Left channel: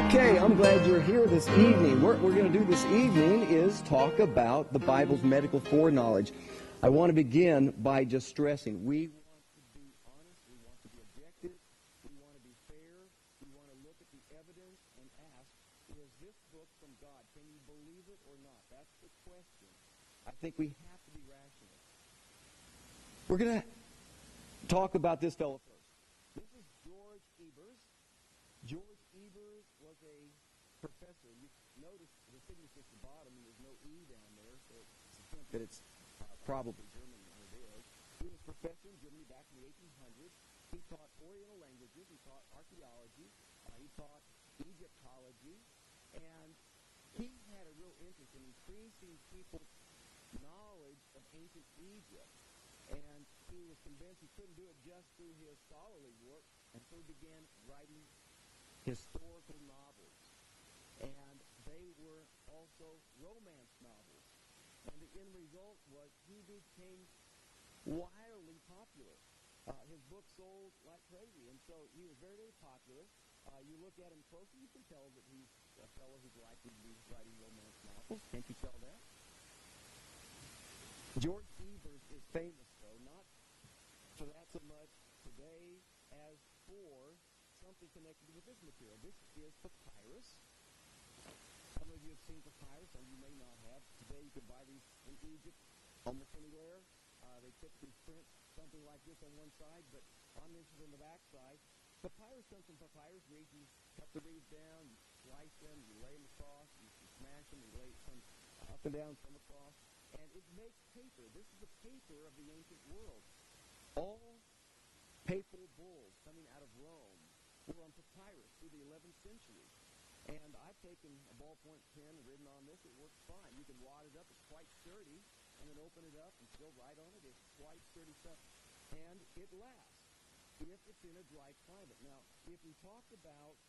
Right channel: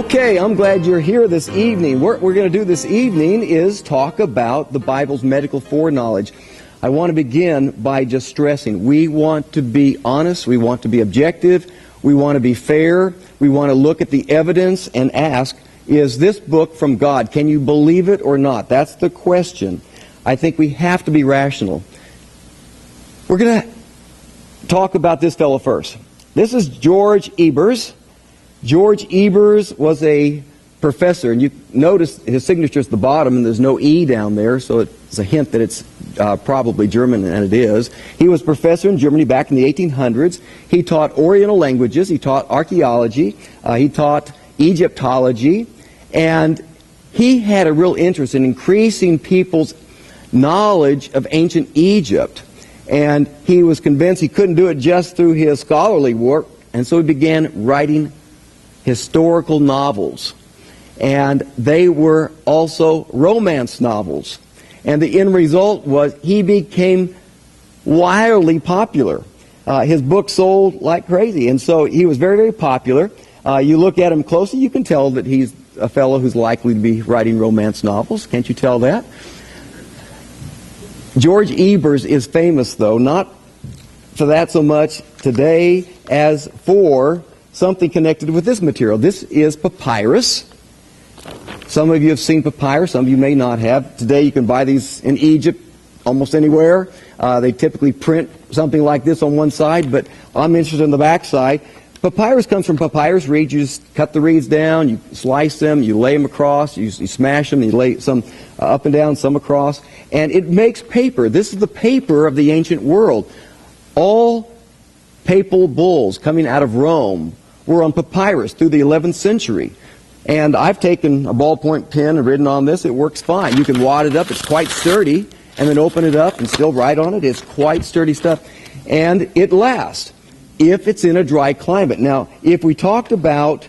Okay, I'm glad you're here this evening. What we're going to do this evening is talk about the Bible's medical foreknowledge. I want to begin by just stressing, we want to be honest, we want to be objective, we want to be fair, we want to look at the evidence and ask, is this book from God? Can you believe it or not? That's the question. I think we have to be rational. We're going to talk about this fellow first. This is George Ebers. George Ebers was a professor, and you notice his signature is at the bottom, and there's no E down there, so it's a hint that it's probably German, and it is. He was a professor in Germany back in the 1800s. He taught Oriental languages, he taught archaeology, he taught Egyptology, and he had a real interest in increasing people's knowledge of ancient Egypt. And he was convinced he couldn't do it just through his scholarly work, and so he began writing historical novels. And they were also romance novels. And the end result was he became wildly popular. His book sold like crazy, and so he was very, very popular. You look at him closely, you can tell that he's a fellow who's likely to be writing romance novels. Can't you tell that? George Ebers is famous, though, not for that so much today as for something connected with this material. This is papyrus. Some of you have seen papyrus, some of you may not have. Today you can buy these in Egypt almost anywhere. They typically print something like this on one side, but I'm interested in the back side. Papyrus comes from papyrus reeds. You just cut the reeds down, you slice them, you lay them across, you smash them, you lay some up and down, some across, and it makes paper. This is the paper of the ancient world. All papal bulls coming out of Rome were on papyrus through the 11th century. And I've taken a ballpoint pen and written on this. It works fine. You can wad it up. It's quite sturdy. And then open it up and still write on it. It's quite sturdy stuff. And it lasts if it's in a dry climate. Now, if we talked about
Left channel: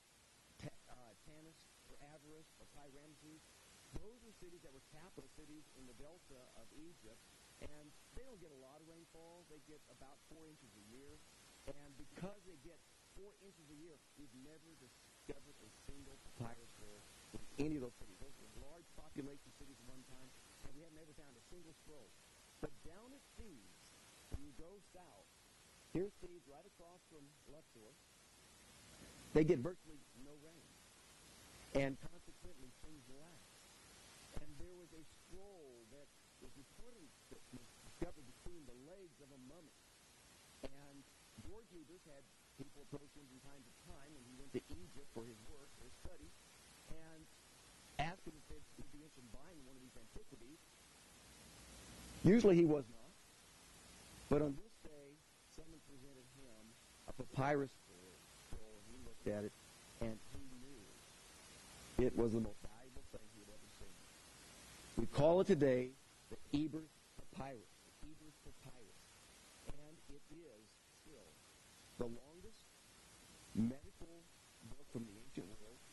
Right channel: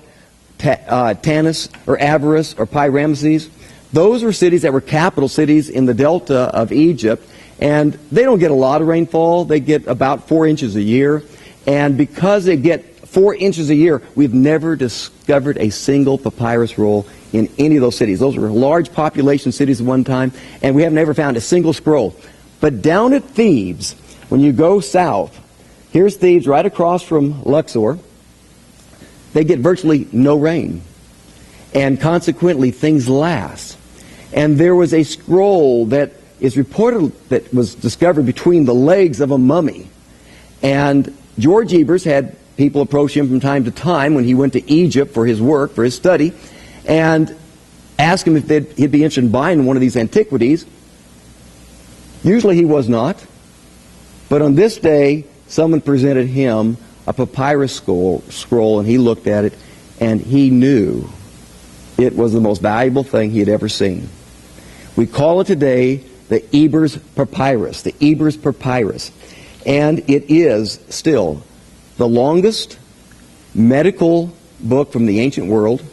Tanis or Avaris or Pi-Ramses, those were cities that were capital cities in the delta of Egypt. And they don't get a lot of rainfall. They get about 4 inches a year. And because they get 4 inches a year, we've never discovered a single papyrus roll in any of those cities. Those were large population cities at one time, and we have never found a single scroll. But down at Thebes, when you go south, here's Thebes right across from Luxor, they get virtually no rain. And consequently, things last. And there was a scroll that is reported that was discovered between the legs of a mummy. And George Ebers had people approach him from time to time when he went to Egypt for his work, for his study, and ask him if he'd be interested in buying one of these antiquities. Usually he was not. But on this day, someone presented him a papyrus scroll, and he looked at it, and he knew it was the most valuable thing he had ever seen. We call it today the Ebers Papyrus, the Ebers Papyrus. And it is still the longest medical book from the ancient world.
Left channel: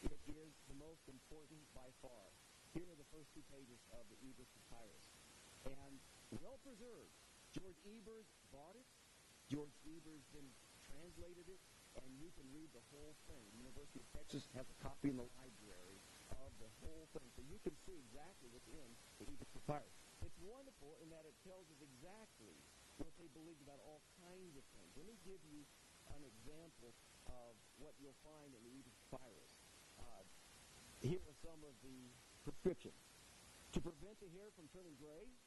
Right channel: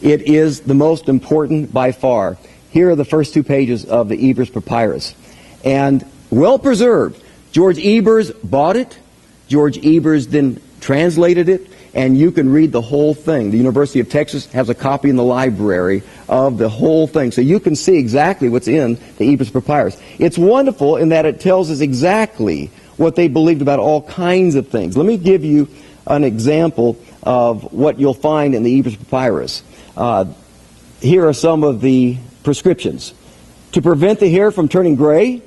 It is the most important by far. Here are the first 2 pages of the Ebers Papyrus. And well preserved. George Ebers bought it. George Ebers then translated it. And you can read the whole thing. The University of Texas has a copy in the library of the whole thing. So you can see exactly what's in the Ebers Papyrus. It's wonderful in that it tells us exactly what they believed about all kinds of things. Let me give you an example of what you'll find in the Ebers Papyrus. Here are some of the prescriptions. To prevent the hair from turning gray,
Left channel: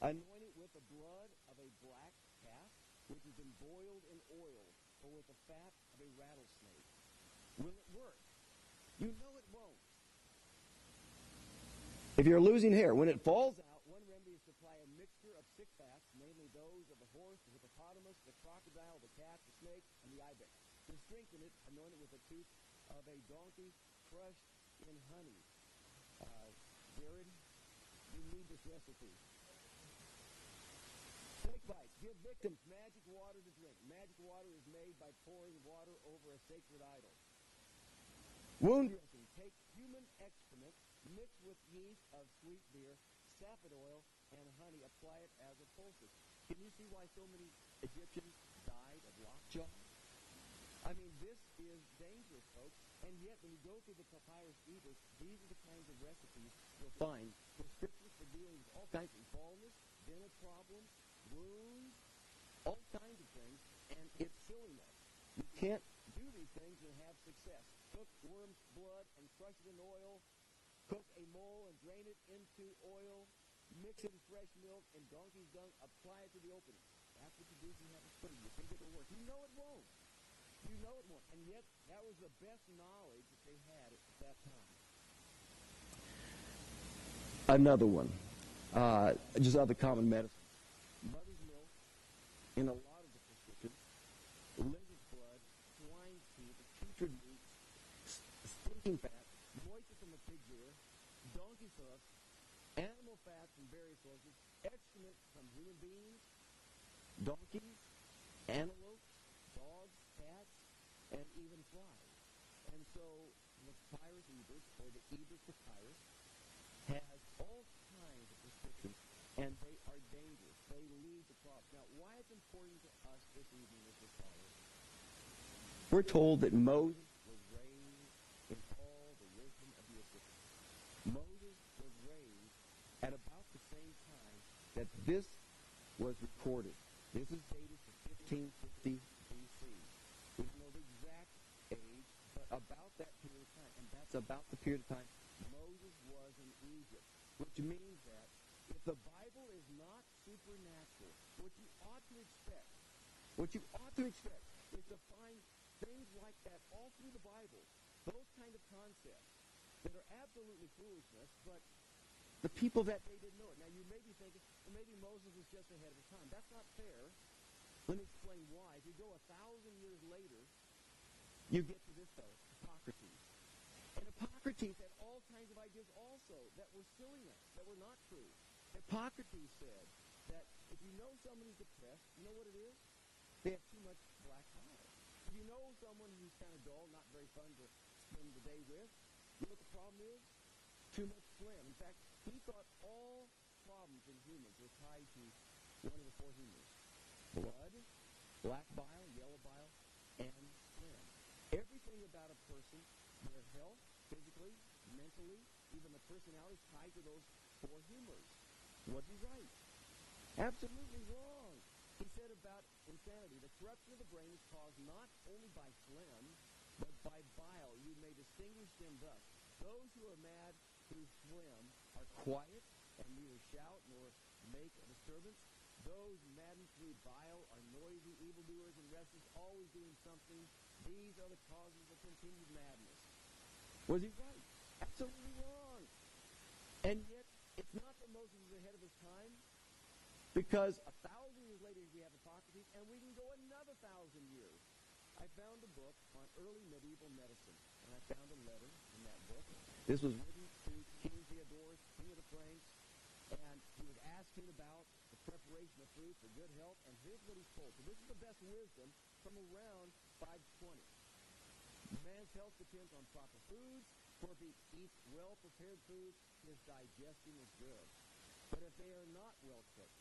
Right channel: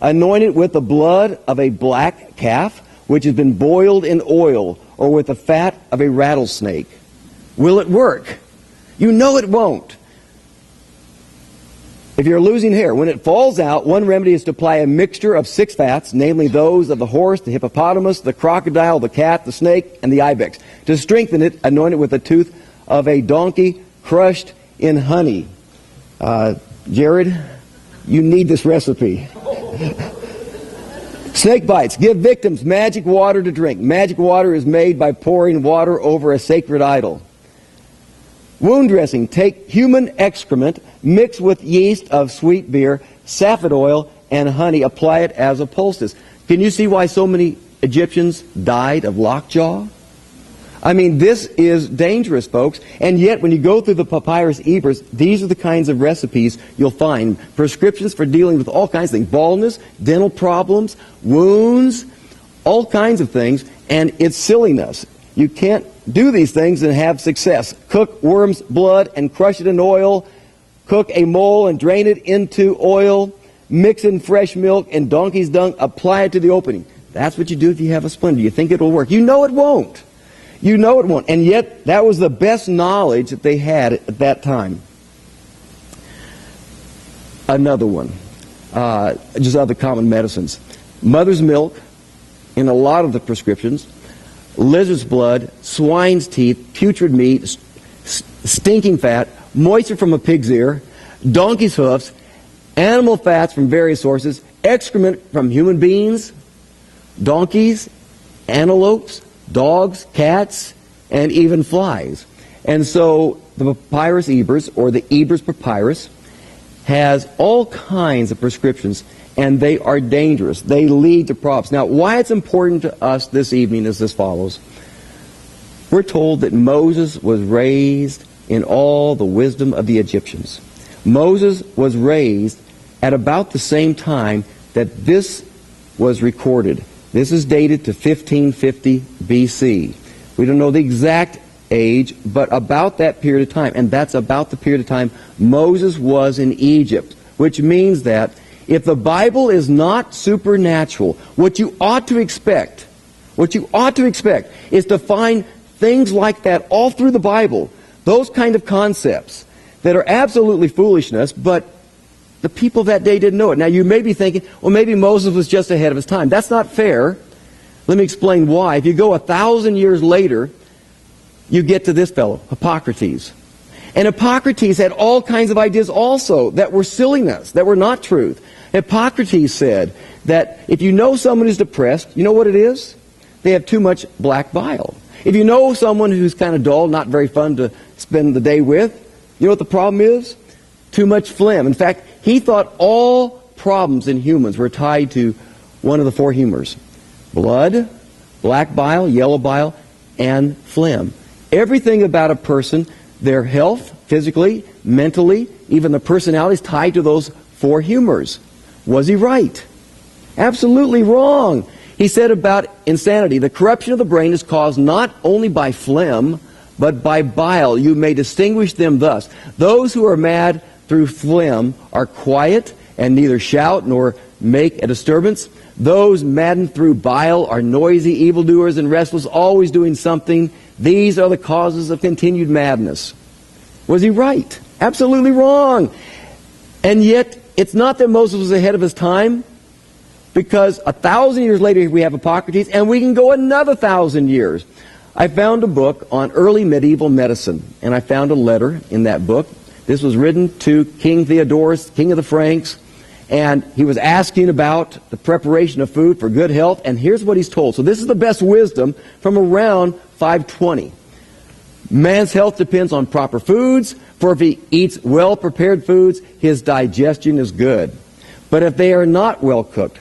anoint it with the blood of a black calf, which has been boiled in oil, or with the fat of a rattlesnake. Will it work? You know it won't. If you're losing hair, when it falls out, one remedy is to apply a mixture of 6 fats, namely those of the horse, the hippopotamus, the crocodile, the cat, the snake, and the ibex. To strengthen it, anoint it with the tooth of a donkey crushed in honey. Jared, you need this recipe. Snake bites. Give victims magic water to drink. Magic water is made by pouring water over a sacred idol. Wound dressing. Take human excrement, mix with yeast of sweet beer, safford oil, and honey. Apply it as a poultice. Can you see why so many Egyptians died of lockjaw? I mean, this is dangerous, folks. And yet, when you go through the Papyrus Ebers, these are the kinds of recipes you'll find. Prescriptions for dealing with all kinds of things. Baldness, dental problems, wounds, all kinds of things. And it's silliness. You can't do these things and have success. Cook worm's blood and crush it in oil. Cook a mole and drain it into oil. Mix in fresh milk and donkey's dung. Apply it to the opening. That's what you do if you have a splinter. You think it will work. You know it won't. You know it won't. And yet, that was the best knowledge that they had at that time. Another one. Just other common medicines. Mother's milk in a lot of the prescriptions. Lizard's blood, swine's teeth, putrid meat, stinking fat, moisture from a pig's ear, donkey's hoofs, animal fats from various sources, excrement from human beings, donkeys, antelopes, dogs, cats, and even flies. And so the Papyrus Ebers, or the Ebers Papyrus, has all kinds of prescriptions, and they are dangerous. They lead to problems. Now, why it's important to us this evening is as follows. We're told that Moses was raised in all the wisdom of the Egyptians. Moses was raised at about the same time that this was recorded. This is dated to 1550 BC. We don't know the exact age, but about that period of time. And that's about the period of time Moses was in Egypt, which means that if the Bible is not supernatural, what you ought to expect is to find things like that all through the Bible, those kind of concepts that are absolutely foolishness, but the people of that day didn't know it. Now, you may be thinking, well, maybe Moses was just ahead of his time. That's not fair. Let me explain why. If you go 1,000 years later, you get to this fellow, Hippocrates. And Hippocrates had all kinds of ideas also that were silliness, that were not truth. Hippocrates said that if you know someone who's depressed, you know what it is? They have too much black bile. If you know someone who's kind of dull, not very fun to spend the day with, you know what the problem is? Too much phlegm. In fact, he thought all problems in humans were tied to one of the four humors. Blood, black bile, yellow bile, and phlegm. Everything about a person, their health, physically, mentally, even the personality is tied to those four humors. Was he right? Absolutely wrong. He said about insanity, the corruption of the brain is caused not only by phlegm, but by bile. You may distinguish them thus. Those who are mad through phlegm are quiet and neither shout nor make a disturbance. Those maddened through bile are noisy, evildoers, and restless, always doing something. These are the causes of continued madness. Was he right? Absolutely wrong. And yet, it's not that Moses was ahead of his time, because 1,000 years later we have Hippocrates, and we can go another 1,000 years. I found a book on early medieval medicine, and I found a letter in that book. This was written to King Theodorus, king of the Franks, and he was asking about the preparation of food for good health, and here's what he's told. So this is the best wisdom from around 520. Man's health depends on proper foods, for if he eats well-prepared foods, his digestion is good. But if they are not well cooked,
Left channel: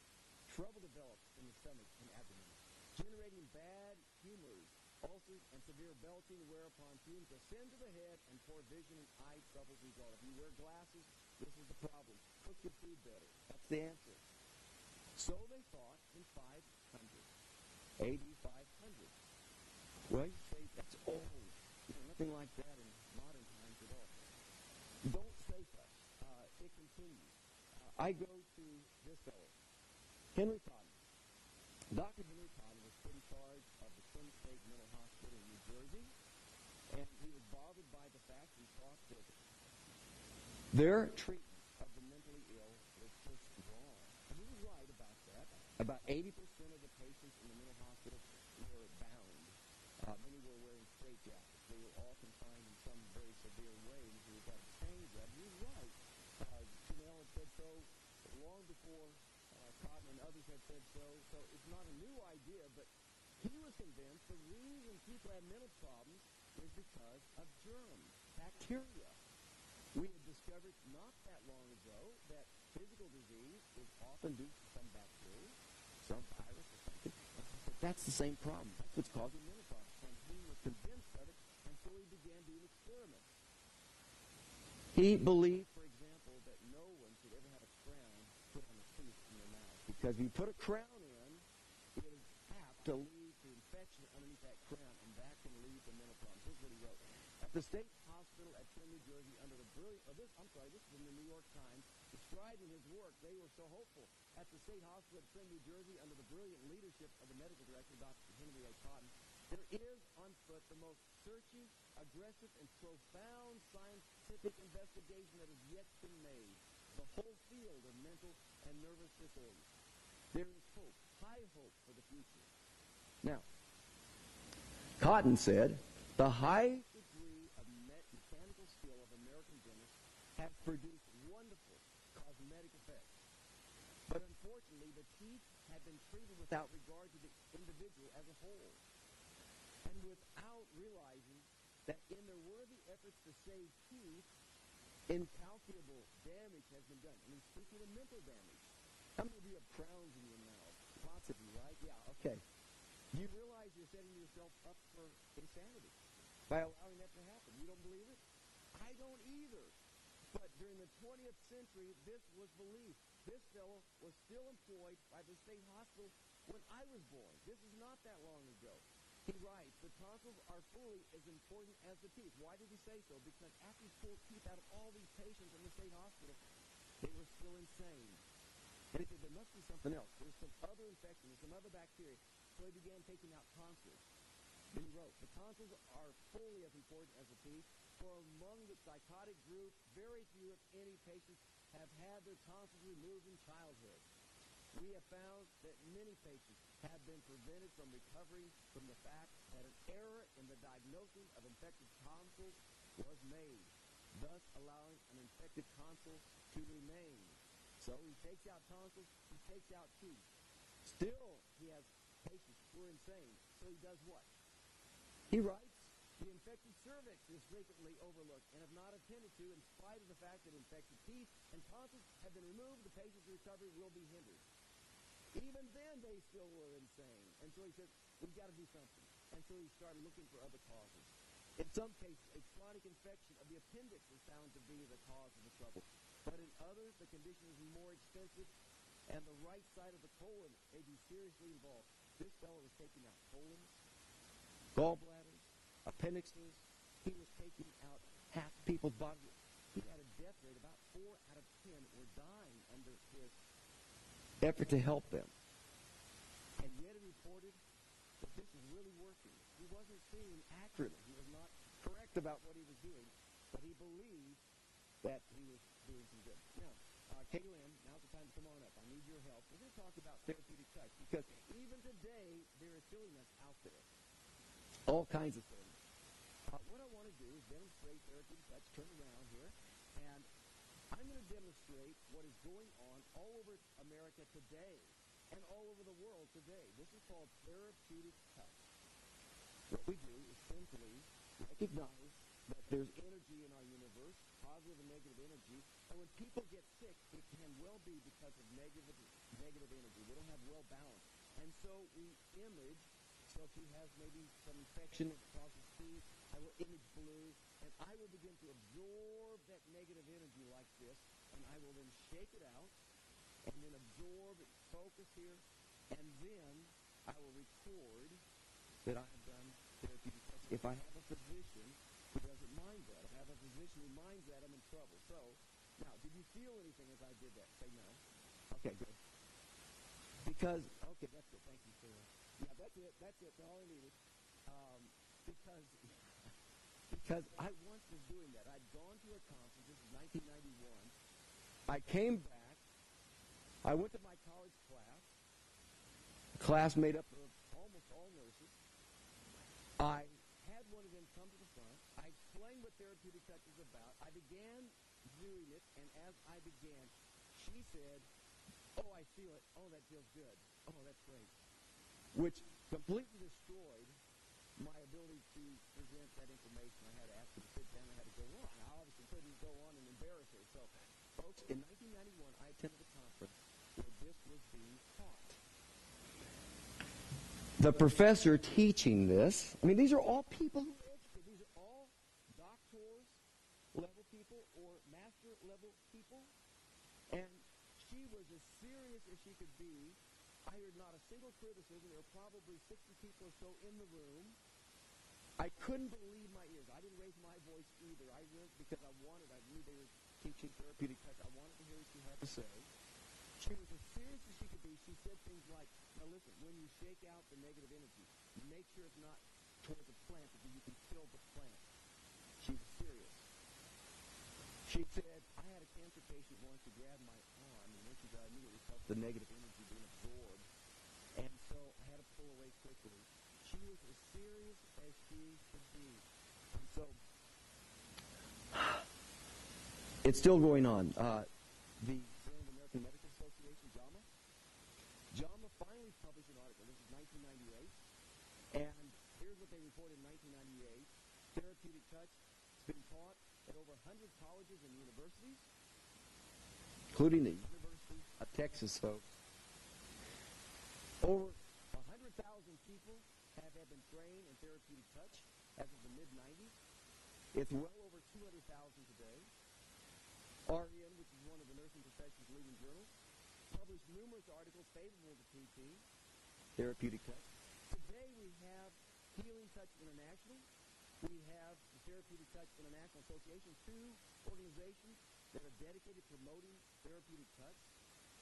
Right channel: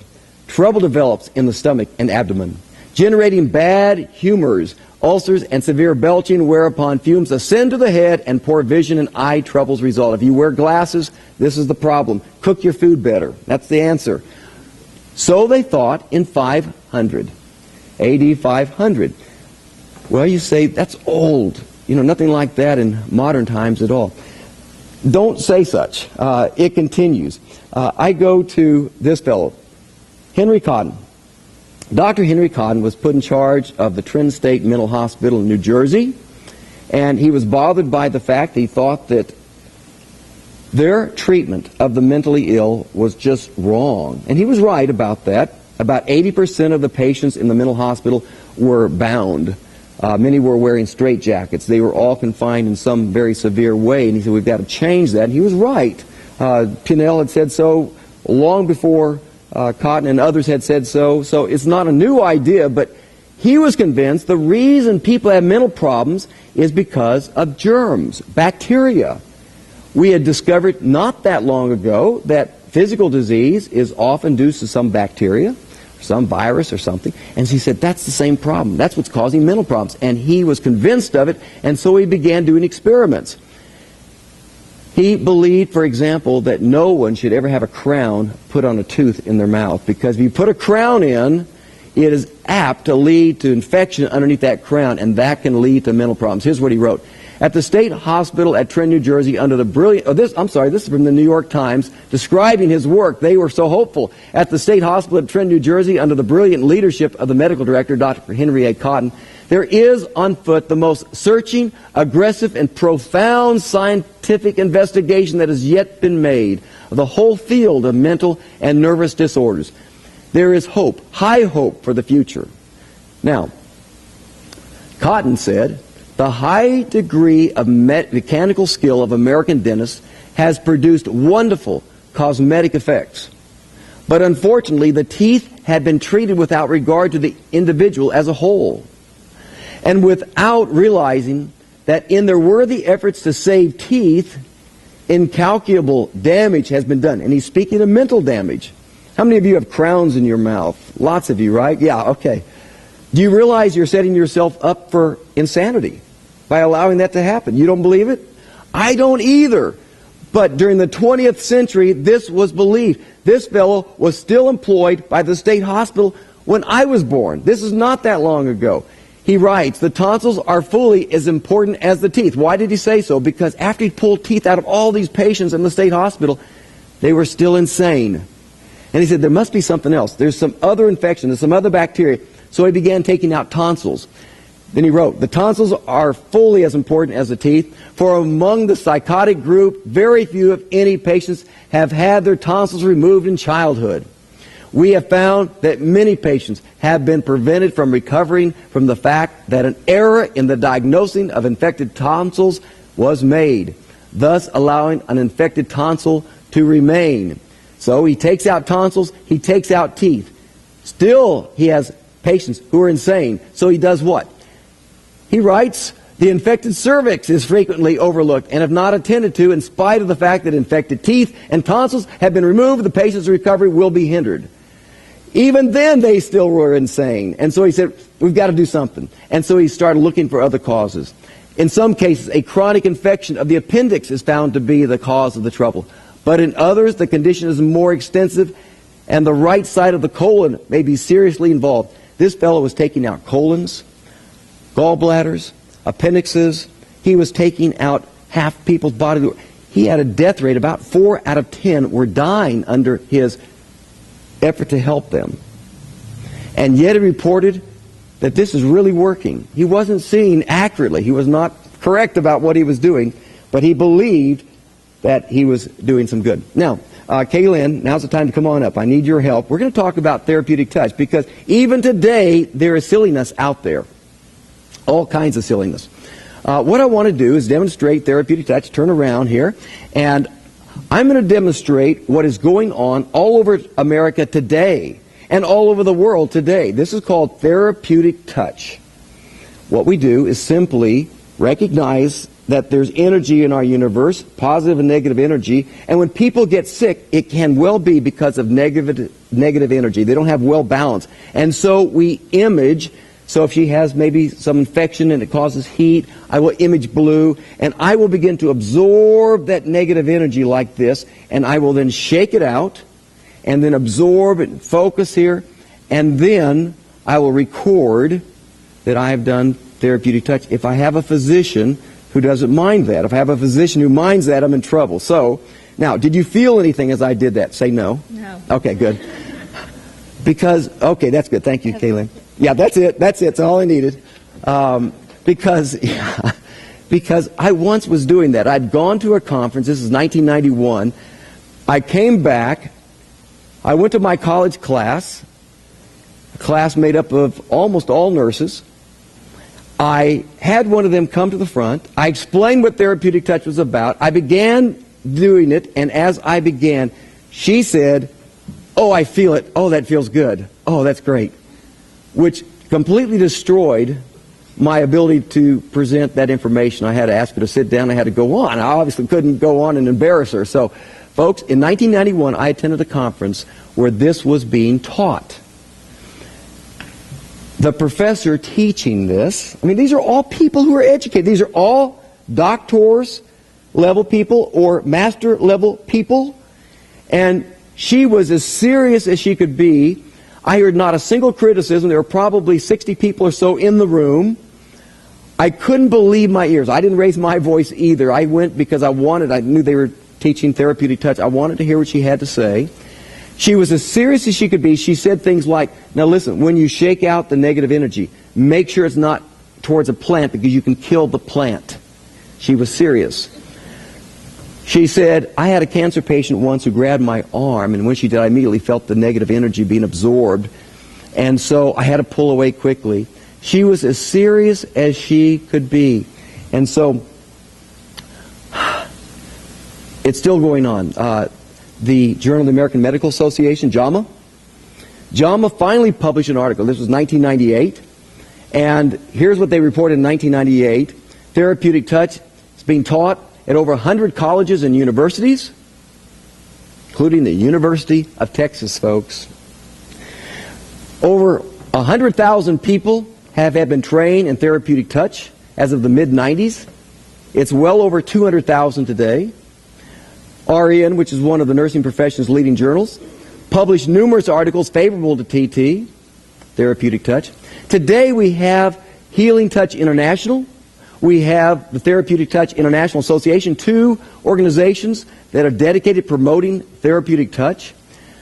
trouble develops in the stomach and abdomen, generating bad humors, ulcers, and severe belching, whereupon fumes ascend to the head and poor vision and eye troubles result. If you wear glasses, this is the problem. Cook your food better. That's the answer. So they thought in 500, AD 500. Well, you say, that's old. You know, nothing like that in modern times at all. Don't say such. It continues. I go to this fellow, Henry Cotton. Dr. Henry Cotton was put in charge of the Trent State Mental Hospital in New Jersey, and he was bothered by the fact he thought that their treatment of the mentally ill was just wrong. And he was right about that. About 80% of the patients in the mental hospital were bound. Many were wearing straitjackets. They were all confined in some very severe way, and he said, we've got to change that. And he was right. Pinnell had said so long before Cotton and others had said so. So it's not a new idea, but he was convinced the reason people have mental problems is because of germs, bacteria. We had discovered not that long ago that physical disease is often due to some bacteria. some virus or something. And he said, that's the same problem. That's what's causing mental problems. And he was convinced of it, and so he began doing experiments. He believed, for example, that no one should ever have a crown put on a tooth in their mouth, because if you put a crown in, it is apt to lead to infection underneath that crown, and that can lead to mental problems. Here's what he wrote. At the state hospital at Trenton, New Jersey, under the brilliant, this is from the New York Times, describing his work. They were so hopeful. At the state hospital at Trenton, New Jersey, under the brilliant leadership of the medical director, Dr. Henry A. Cotton, there is on foot the most searching, aggressive, and profound scientific investigation that has yet been made of the whole field of mental and nervous disorders. There is hope, high hope for the future. Now, Cotton said, the high degree of mechanical skill of American dentists has produced wonderful cosmetic effects. But unfortunately, the teeth had been treated without regard to the individual as a whole, and without realizing that in their worthy efforts to save teeth, incalculable damage has been done. And he's speaking of mental damage. How many of you have crowns in your mouth? Lots of you, right? Yeah, okay. Do you realize you're setting yourself up for insanity by allowing that to happen? You don't believe it? I don't either. But during the 20th century, this was believed. This fellow was still employed by the state hospital when I was born. This is not that long ago. He writes, the tonsils are fully as important as the teeth. Why did he say so? Because after he pulled teeth out of all these patients in the state hospital, they were still insane. And he said, there must be something else. There's some other infection, there's some other bacteria. So he began taking out tonsils. Then he wrote, the tonsils are fully as important as the teeth, for among the psychotic group, very few, if any, patients have had their tonsils removed in childhood. We have found that many patients have been prevented from recovering from the fact that an error in the diagnosing of infected tonsils was made, thus allowing an infected tonsil to remain. So he takes out tonsils, he takes out teeth. Still, he has patients who are insane. So he does what? He writes, the infected cervix is frequently overlooked and if not attended to, in spite of the fact that infected teeth and tonsils have been removed, the patient's recovery will be hindered. Even then, they still were insane. And so he said, we've got to do something. And so he started looking for other causes. In some cases, a chronic infection of the appendix is found to be the cause of the trouble. But in others, the condition is more extensive, and the right side of the colon may be seriously involved. This fellow was taking out colons, gallbladders, appendixes. He was taking out half people's body. He had a death rate. About 4 out of 10 were dying under his effort to help them. And yet he reported that this is really working. He wasn't seeing accurately. He was not correct about what he was doing, but he believed that he was doing some good. Now, Kaylin, now's the time to come on up. I need your help. We're going to talk about therapeutic touch, because even today there is silliness out there. All kinds of silliness. What I want to do is demonstrate therapeutic touch. Turn around here, and I'm going to demonstrate what is going on all over America today and all over the world today. This is called therapeutic touch. What we do is simply recognize that there's energy in our universe, positive and negative energy, and when people get sick, it can well be because of negative energy. They don't have well balance. And so we image. So if she has maybe some infection and it causes heat, I will image blue, and I will begin to absorb that negative energy like this, and I will then shake it out, and then absorb and focus here, and then I will record that I have done therapeutic touch. If I have a physician who doesn't mind that, if I have a physician who minds that, I'm in trouble. So, now, did you feel anything as I did that? Say no. No. Okay, good. Because, okay, that's good. Thank you, Kaylin. Yeah, that's it. That's it. That's all I needed. Because I once was doing that. I'd gone to a conference. This is 1991. I came back. I went to my college class, a class made up of almost all nurses. I had one of them come to the front. I explained what therapeutic touch was about. I began doing it, and as I began, she said, "Oh, I feel it. Oh, that feels good. Oh, that's great." Which completely destroyed my ability to present that information. I had to ask her to sit down. I had to go on. I obviously couldn't go on and embarrass her. So, folks, in 1991, I attended a conference where this was being taught. the professor teaching this, I mean, these are all people who are educated. These are all doctors level people or master level people. And she was as serious as she could be. I heard not a single criticism. There were probably 60 people or so in the room. I couldn't believe my ears. I didn't raise my voice either. I went because I knew they were teaching therapeutic touch. I wanted to hear what she had to say. She was as serious as she could be. She said things like, now listen, when you shake out the negative energy, make sure it's not towards a plant because you can kill the plant. She was serious. She said, I had a cancer patient once who grabbed my arm, and when she did, I immediately felt the negative energy being absorbed, and so I had to pull away quickly. She was as serious as she could be. And so, it's still going on. The Journal of the American Medical Association, JAMA finally published an article. This was 1998. And here's what they reported in 1998. Therapeutic touch is being taught at over 100 colleges and universities, including the University of Texas, folks. Over 100,000 people have been trained in therapeutic touch as of the mid-90s. It's well over 200,000 today. RN, which is one of the nursing profession's leading journals, published numerous articles favorable to TT, therapeutic touch. Today we have Healing Touch International. We have the Therapeutic Touch International Association, two organizations that are dedicated to promoting therapeutic touch.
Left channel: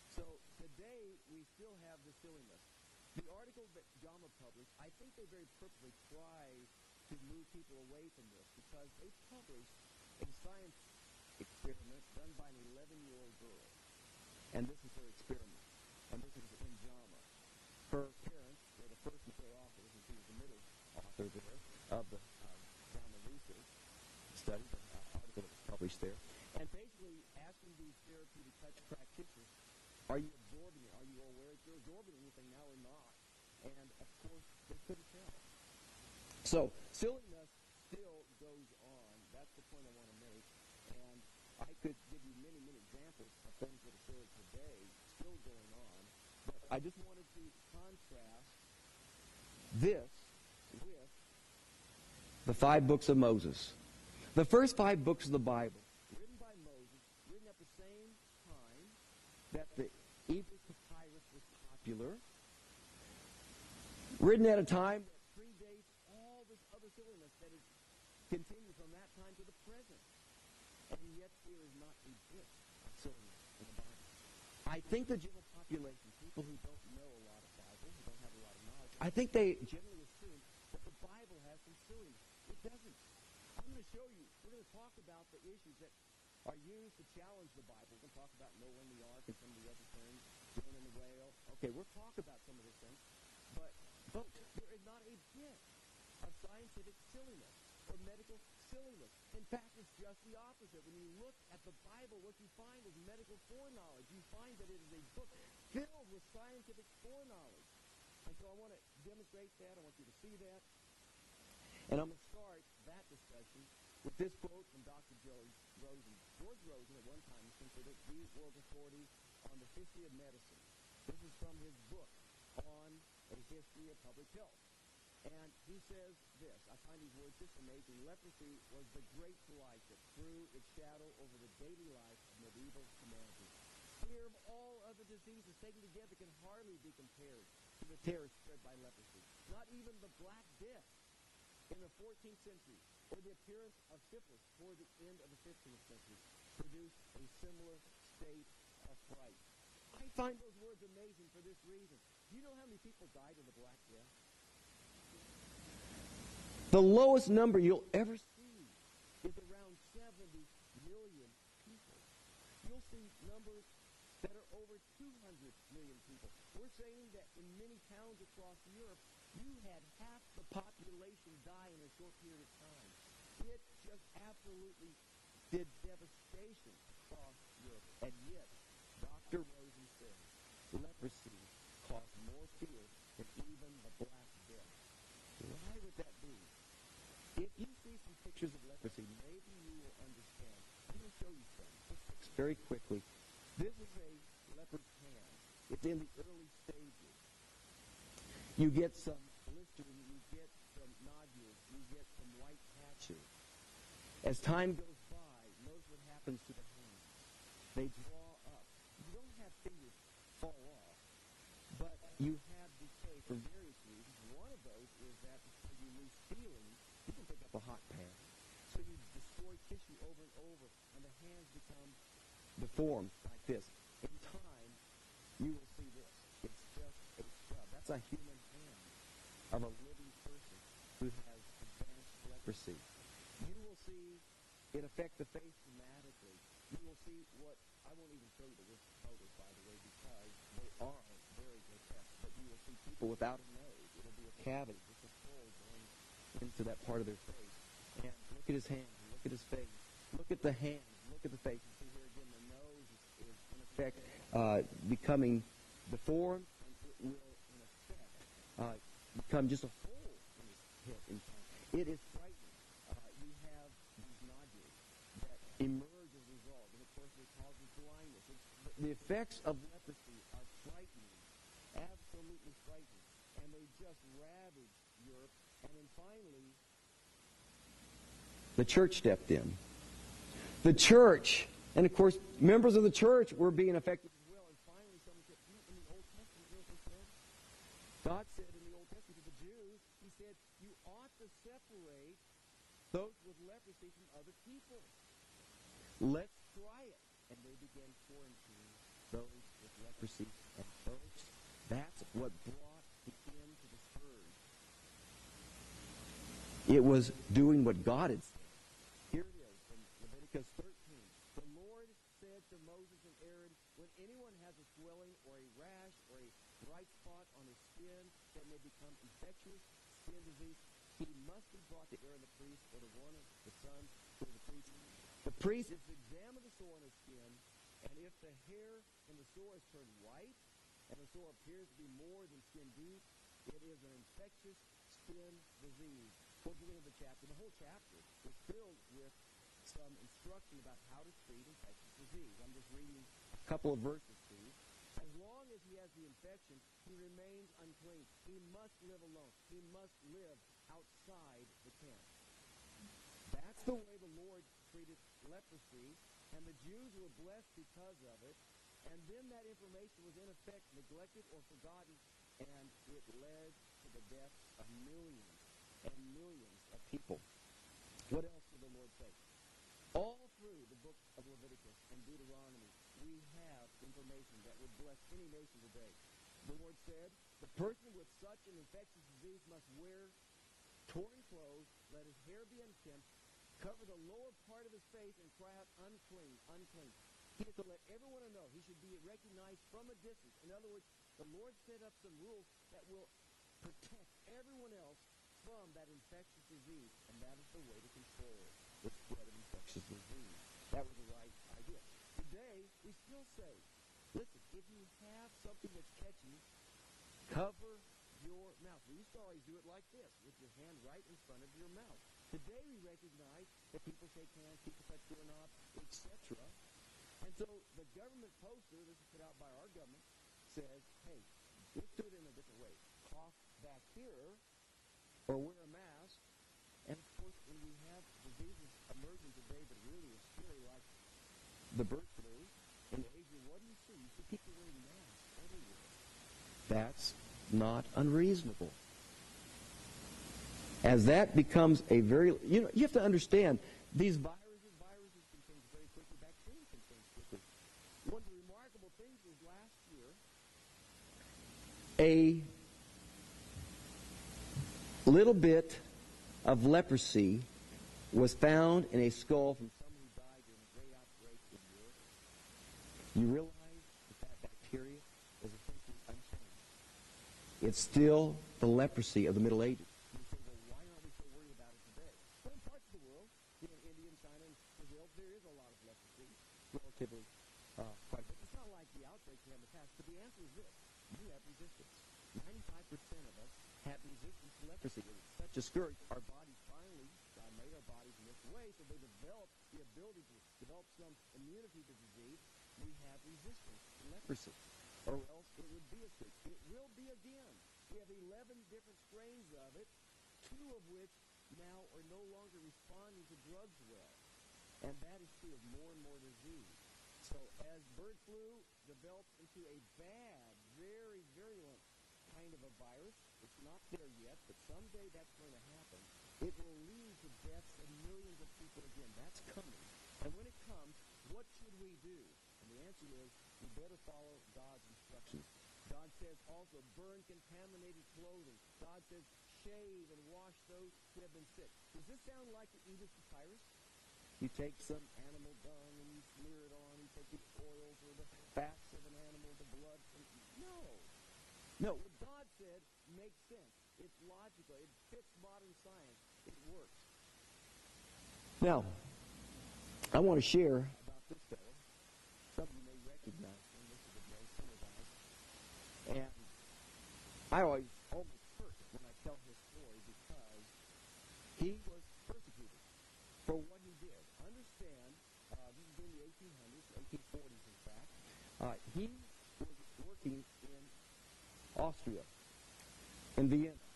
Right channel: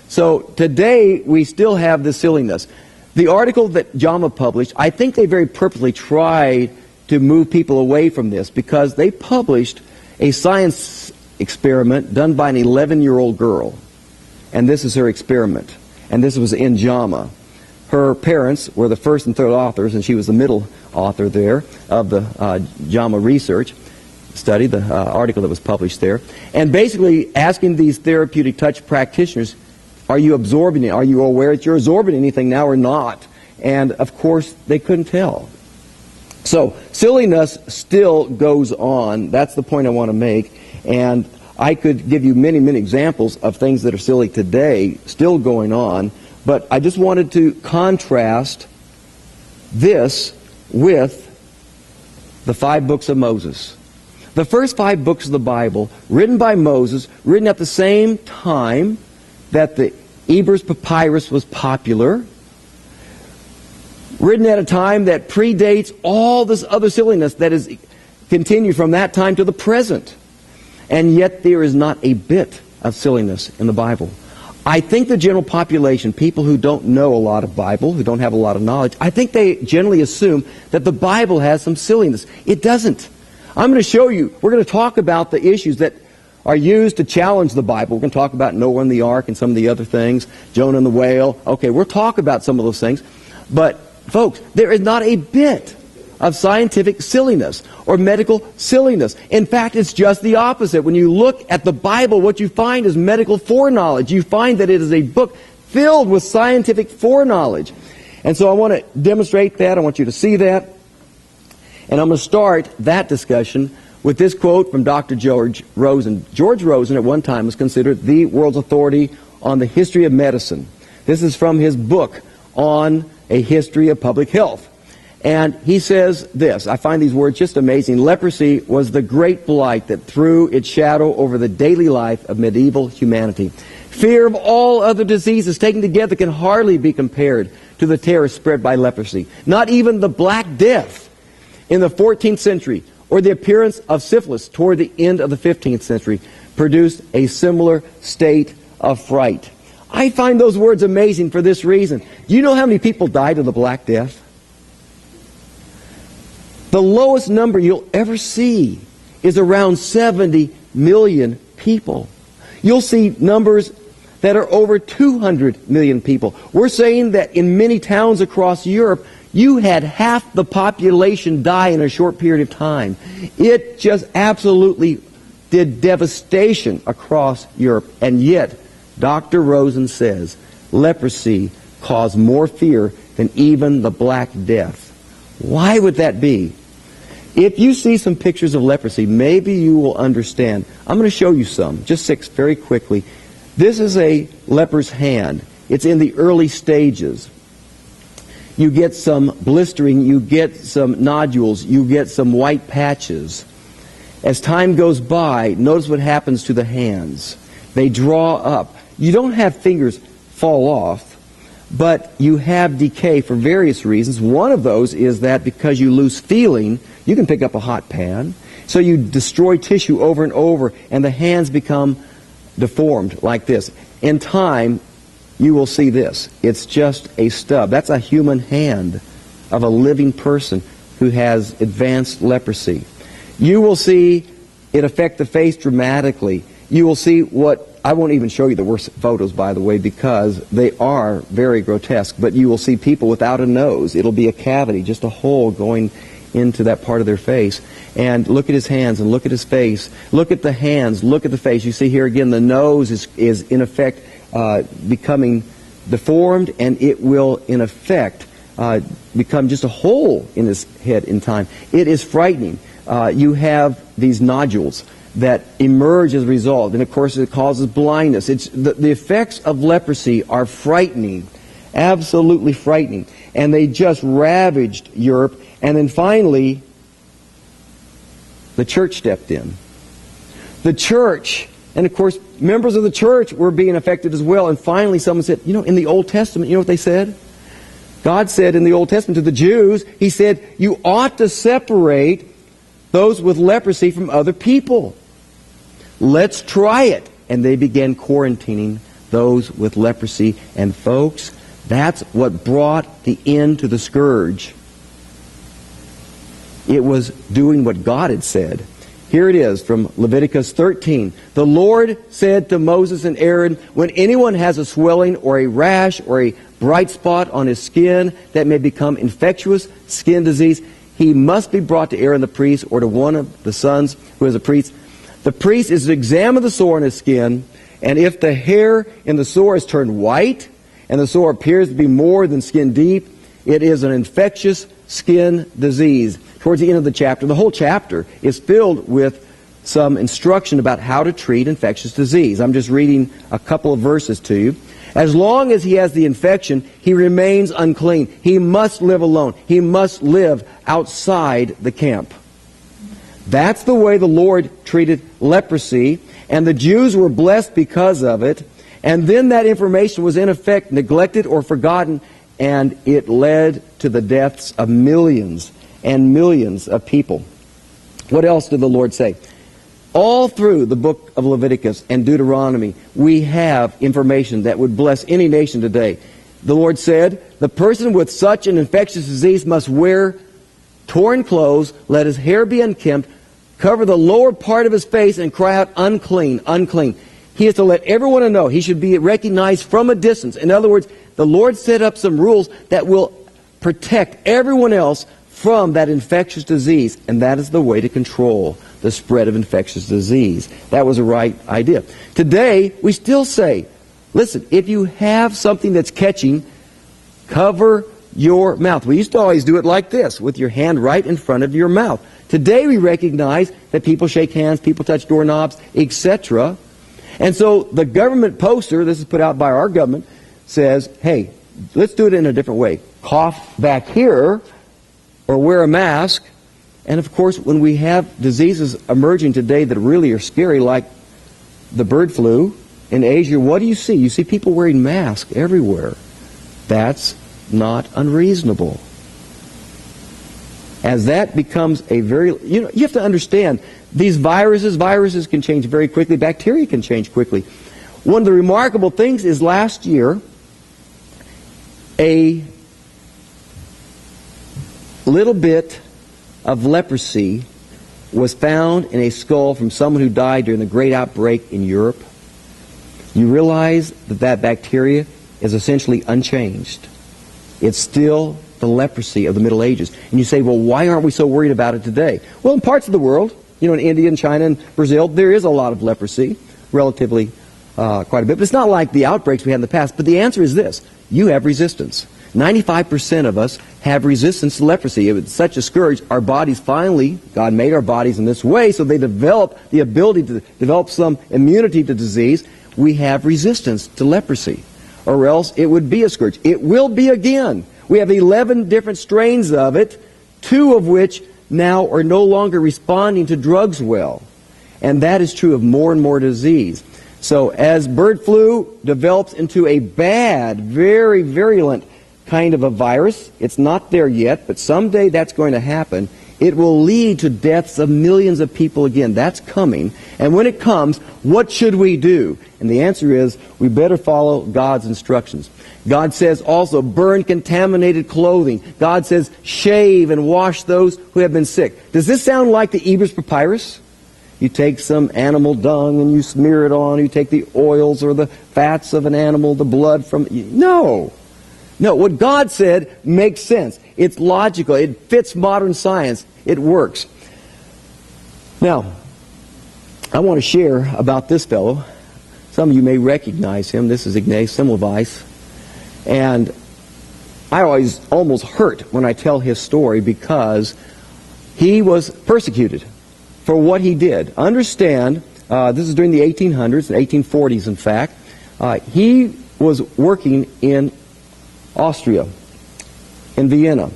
So today we still have this silliness. The article that JAMA published, I think they very purposely tried to move people away from this because they published a science experiment done by an 11-year-old girl. And this is her experiment. And this was in JAMA. Her parents were the first and third authors, and she was the middle author there of the JAMA research study, the article that was published there. And basically asking these therapeutic touch practitioners, are you absorbing it? Are you aware that you're absorbing anything now or not? And of course, they couldn't tell. So silliness still goes on. That's the point I want to make. And I could give you many, many examples of things that are silly today, still going on. But I just wanted to contrast this with the 5 books of Moses. The first 5 books of the Bible, written by Moses, written at the same time that the Ebers Papyrus was popular, written at a time that predates all this other silliness that is continued from that time to the present. And yet there is not a bit of silliness in the Bible. I think the general population, people who don't know a lot of Bible, who don't have a lot of knowledge, I think they generally assume that the Bible has some silliness. It doesn't. I'm going to show you, we're going to talk about the issues that are used to challenge the Bible. We're going to talk about Noah and the ark and some of the other things, Jonah and the whale. Okay, we'll talk about some of those things. But, folks, there is not a bit of scientific silliness or medical silliness. In fact, it's just the opposite. When you look at the Bible, what you find is medical foreknowledge. You find that it is a book filled with scientific foreknowledge. And so I want to demonstrate that. I want you to see that. And I'm going to start that discussion with this quote from Dr. George Rosen. George Rosen at one time was considered the world's authority on the history of medicine. This is from his book on a history of public health. And he says this, I find these words just amazing. Leprosy was the great blight that threw its shadow over the daily life of medieval humanity. Fear of all other diseases taken together can hardly be compared to the terror spread by leprosy. Not even the Black Death in the 14th century or the appearance of syphilis toward the end of the 15th century produced a similar state of fright. I find those words amazing for this reason. Do you know how many people died of the Black Death? The lowest number you'll ever see is around 70 million people. You'll see numbers that are over 200 million people. We're saying that in many towns across Europe, you had half the population die in a short period of time. It just absolutely did devastation across Europe. And yet, Dr. Rosen says leprosy caused more fear than even the Black Death. Why would that be? If you see some pictures of leprosy, maybe you will understand. I'm going to show you some, just 6 very quickly. This is a leper's hand. It's in the early stages. You get some blistering, you get some nodules, you get some white patches. As time goes by, notice what happens to the hands. They draw up. You don't have fingers fall off, but you have decay for various reasons. One of those is that because you lose feeling, you can pick up a hot pan. So you destroy tissue over and over, and the hands become deformed like this. In time, you will see this. It's just a stub. That's a human hand of a living person who has advanced leprosy. You will see it affect the face dramatically. You will see what, I won't even show you the worst photos, by the way, because they are very grotesque, but you will see people without a nose. It'll be a cavity, just a hole going into that part of their face. And look at his hands and look at his face. Look at the hands, look at the face. You see here again the nose is in effect becoming deformed, and it will in effect become just a hole in his head in time. It is frightening. You have these nodules that emerge as a result, and of course it causes blindness. The effects of leprosy are frightening, absolutely frightening, and they just ravaged Europe. And then finally, the church stepped in. The church, and of course members of the church were being affected as well. And finally someone said, you know, in the Old Testament, you know what they said? God said in the Old Testament to the Jews, He said, you ought to separate those with leprosy from other people. Let's try it. And they began quarantining those with leprosy. And folks, that's what brought the end to the scourge. It was doing what God had said. Here it is from Leviticus 13. The Lord said to Moses and Aaron, when anyone has a swelling or a rash or a bright spot on his skin that may become infectious skin disease, he must be brought to Aaron the priest or to one of the sons who is a priest. The priest is to examine the sore on his skin, and if the hair in the sore is turned white and the sore appears to be more than skin deep, it is an infectious skin disease. Towards the end of the chapter, the whole chapter is filled with some instruction about how to treat infectious disease. I'm just reading a couple of verses to you. As long as he has the infection, he remains unclean. He must live alone. He must live outside the camp. That's the way the Lord treated leprosy, and the Jews were blessed because of it. And then that information was in effect neglected or forgotten, and it led to the deaths of millions and millions of people. What else did the Lord say? All through the book of Leviticus and Deuteronomy, we have information that would bless any nation today. The Lord said, the person with such an infectious disease must wear torn clothes, let his hair be unkempt, cover the lower part of his face, and cry out, unclean, unclean. He is to let everyone know. He should be recognized from a distance. In other words, the Lord set up some rules that will protect everyone else from that infectious disease, and that is the way to control the spread of infectious disease. That was the right idea. Today, we still say, listen, if you have something that's catching, cover your mouth. We used to always do it like this, with your hand right in front of your mouth. Today, we recognize that people shake hands, people touch doorknobs, etc. And so the government poster, this is put out by our government, says, hey, let's do it in a different way. Cough back here, or wear a mask. And of course, when we have diseases emerging today that really are scary, like the bird flu in Asia, what do you see? You see people wearing masks everywhere. That's not unreasonable. As that becomes a very, you have to understand, these viruses can change very quickly. Bacteria can change quickly. One of the remarkable things is last year, a little bit of leprosy was found in a skull from someone who died during the great outbreak in Europe. You realize that that bacteria is essentially unchanged. It's still the leprosy of the Middle Ages. And you say, well, why aren't we so worried about it today? Well, in parts of the world, in India and China and Brazil, there is a lot of leprosy, relatively quite a bit. But it's not like the outbreaks we had in the past. But the answer is this. You have resistance. 95% of us have resistance to leprosy. It was such a scourge. Our bodies finally, God made our bodies in this way, so they develop the ability to develop some immunity to disease. We have resistance to leprosy, or else it would be a scourge. It will be again. We have 11 different strains of it, 2 of which now are no longer responding to drugs well. And that is true of more and more disease. So as bird flu develops into a bad, very virulent kind of a virus, it's not there yet, but someday that's going to happen. It will lead to deaths of millions of people again. That's coming. And when it comes, what should we do? And the answer is, we better follow God's instructions. God says also, burn contaminated clothing. God says, shave and wash those who have been sick. Does this sound like the Ebers Papyrus? You take some animal dung and you smear it on. You take the oils or the fats of an animal, the blood from... No. No, what God said makes sense. It's logical. It fits modern science. It works. Now, I want to share about this fellow. Some of you may recognize him. This is Ignaz Semmelweis. And I always almost hurt when I tell his story because he was persecuted for what he did. Understand, this is during the 1800s, the 1840s in fact. He was working in Austria, in Vienna.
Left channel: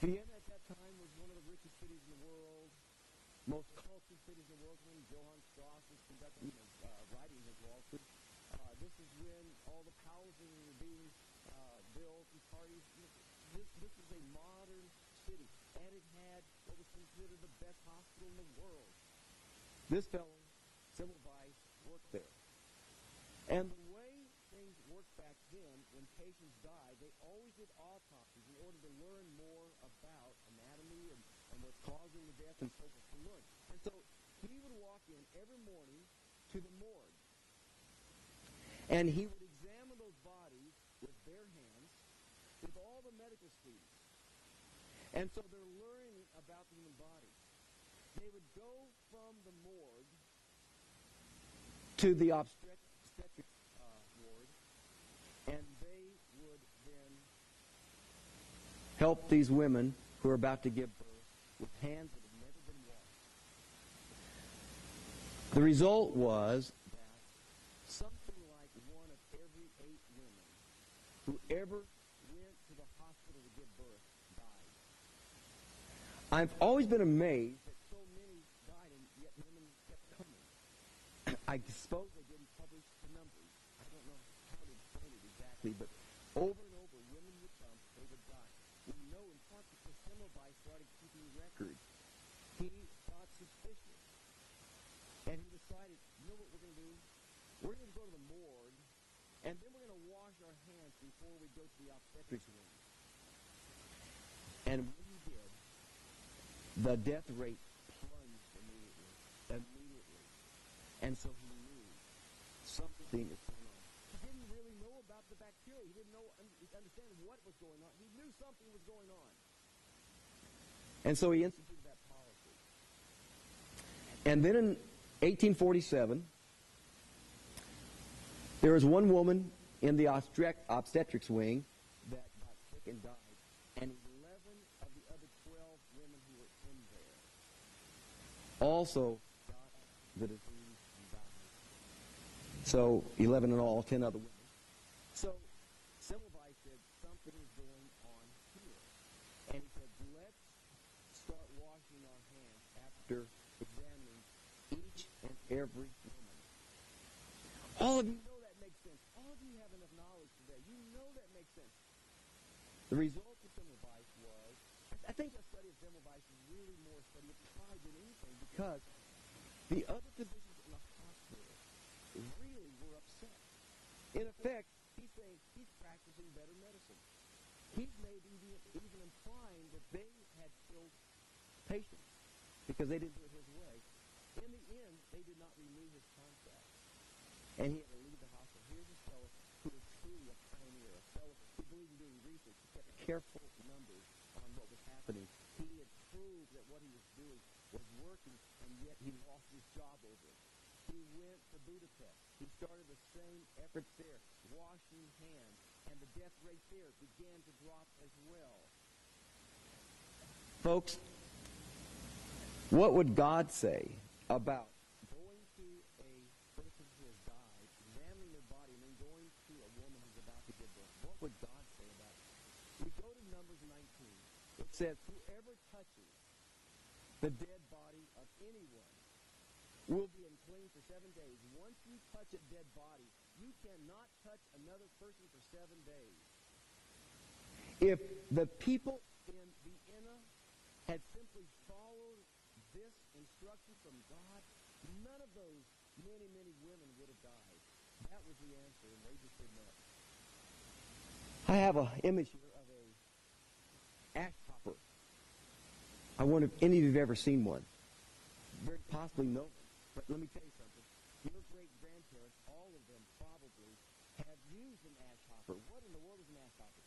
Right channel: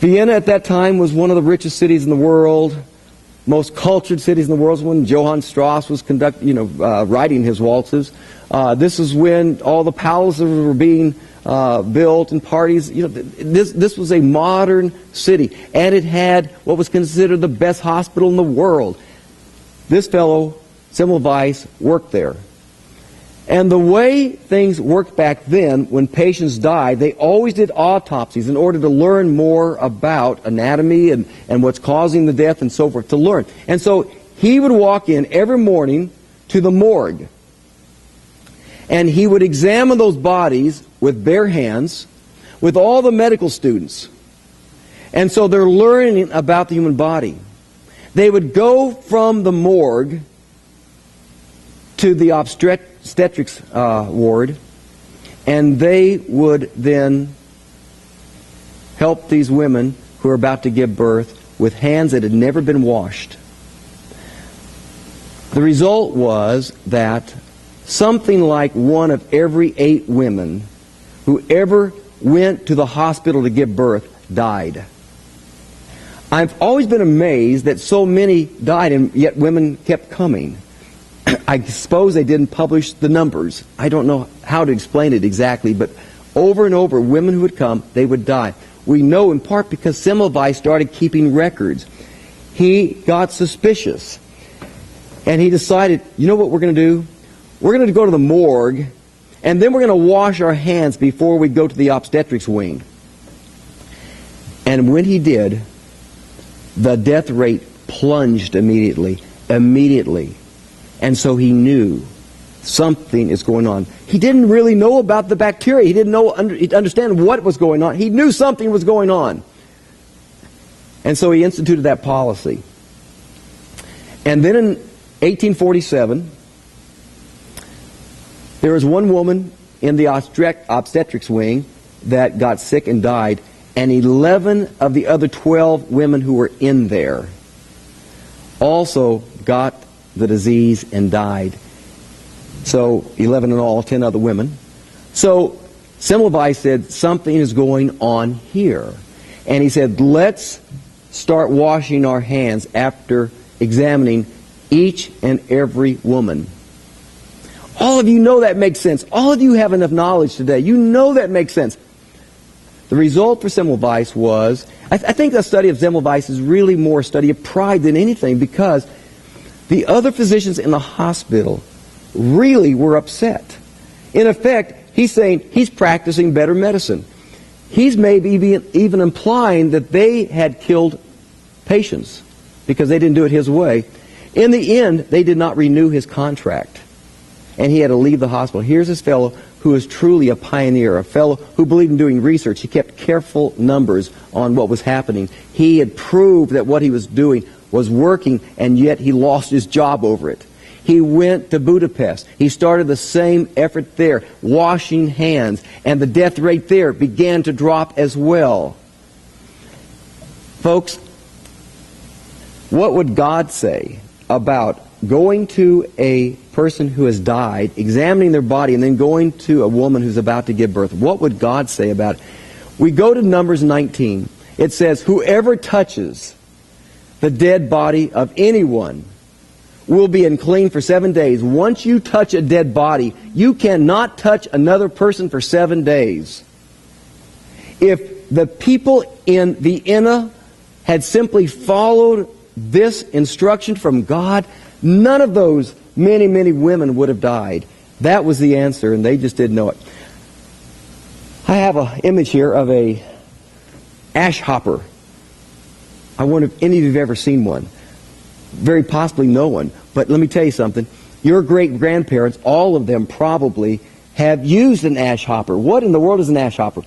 Vienna at that time was one of the richest cities in the world, most cultured cities in the world. When Johann Strauss was writing his waltzes. This is when all the palaces were being built and parties. This was a modern city, and it had what was considered the best hospital in the world. This fellow, Semmelweis, worked there. And the way things worked back then, when patients died, they always did autopsies in order to learn more about anatomy and what's causing the death and so forth, to learn. And so he would walk in every morning to the morgue, and he would examine those bodies with bare hands with all the medical students. And so they're learning about the human body. They would go from the morgue to the obstetrics ward, and they would then help these women who are about to give birth with hands that had never been washed. The result was that something like 1 of every 8 women who ever went to the hospital to give birth died. I've always been amazed that so many died and yet women kept coming. I suppose they didn't publish the numbers. I don't know how to explain it exactly, but over and over, women who would come, they would die. We know in part because Semmelweis started keeping records. He got suspicious, and he decided, you know what we're going to do? We're going to go to the morgue, and then we're going to wash our hands before we go to the obstetrics wing. And when he did, the death rate plunged immediately. And so he knew something is going on. He didn't really know about the bacteria. He didn't understand what was going on. He knew something was going on. And so he instituted that policy. And then in 1847, there was one woman in the obstetrics wing that got sick and died, and 11 of the other 12 women who were in there also got the disease and died. So 11 in all, 10 other women. So Semmelweis said, something is going on here. And he said, let's start washing our hands after examining each and every woman. All of you know that makes sense. All of you have enough knowledge today. You know that makes sense. The result for Semmelweis was, I think the study of Semmelweis is really more a study of pride than anything, because the other physicians in the hospital really were upset. In effect, he's saying he's practicing better medicine. He's maybe even implying that they had killed patients because they didn't do it his way. In the end, they did not renew his contract, and he had to leave the hospital. Here's this fellow who was truly a pioneer, a fellow who believed in doing research. He kept careful numbers on what was happening. He had proved that what he was doing was working, and yet he lost his job over it. He went to Budapest. He started the same effort there, washing hands, and the death rate there began to drop as well. Folks, what would God say about going to a person who has died, examining their body, and then going to a woman who's about to give birth? What would God say about it? We go to Numbers 19. It says, whoever touches the dead body of anyone will be unclean for 7 days. Once you touch a dead body, you cannot touch another person for 7 days. If the people in Vienna had simply followed this instruction from God, none of those many, many women would have died. That was the answer, and they just didn't know it. I have an image here of a ash hopper. I wonder if any of you have ever seen one. Very possibly no one. But let me tell you something. Your great-grandparents, all of them probably, have used an ash hopper. What in the world is an ash hopper?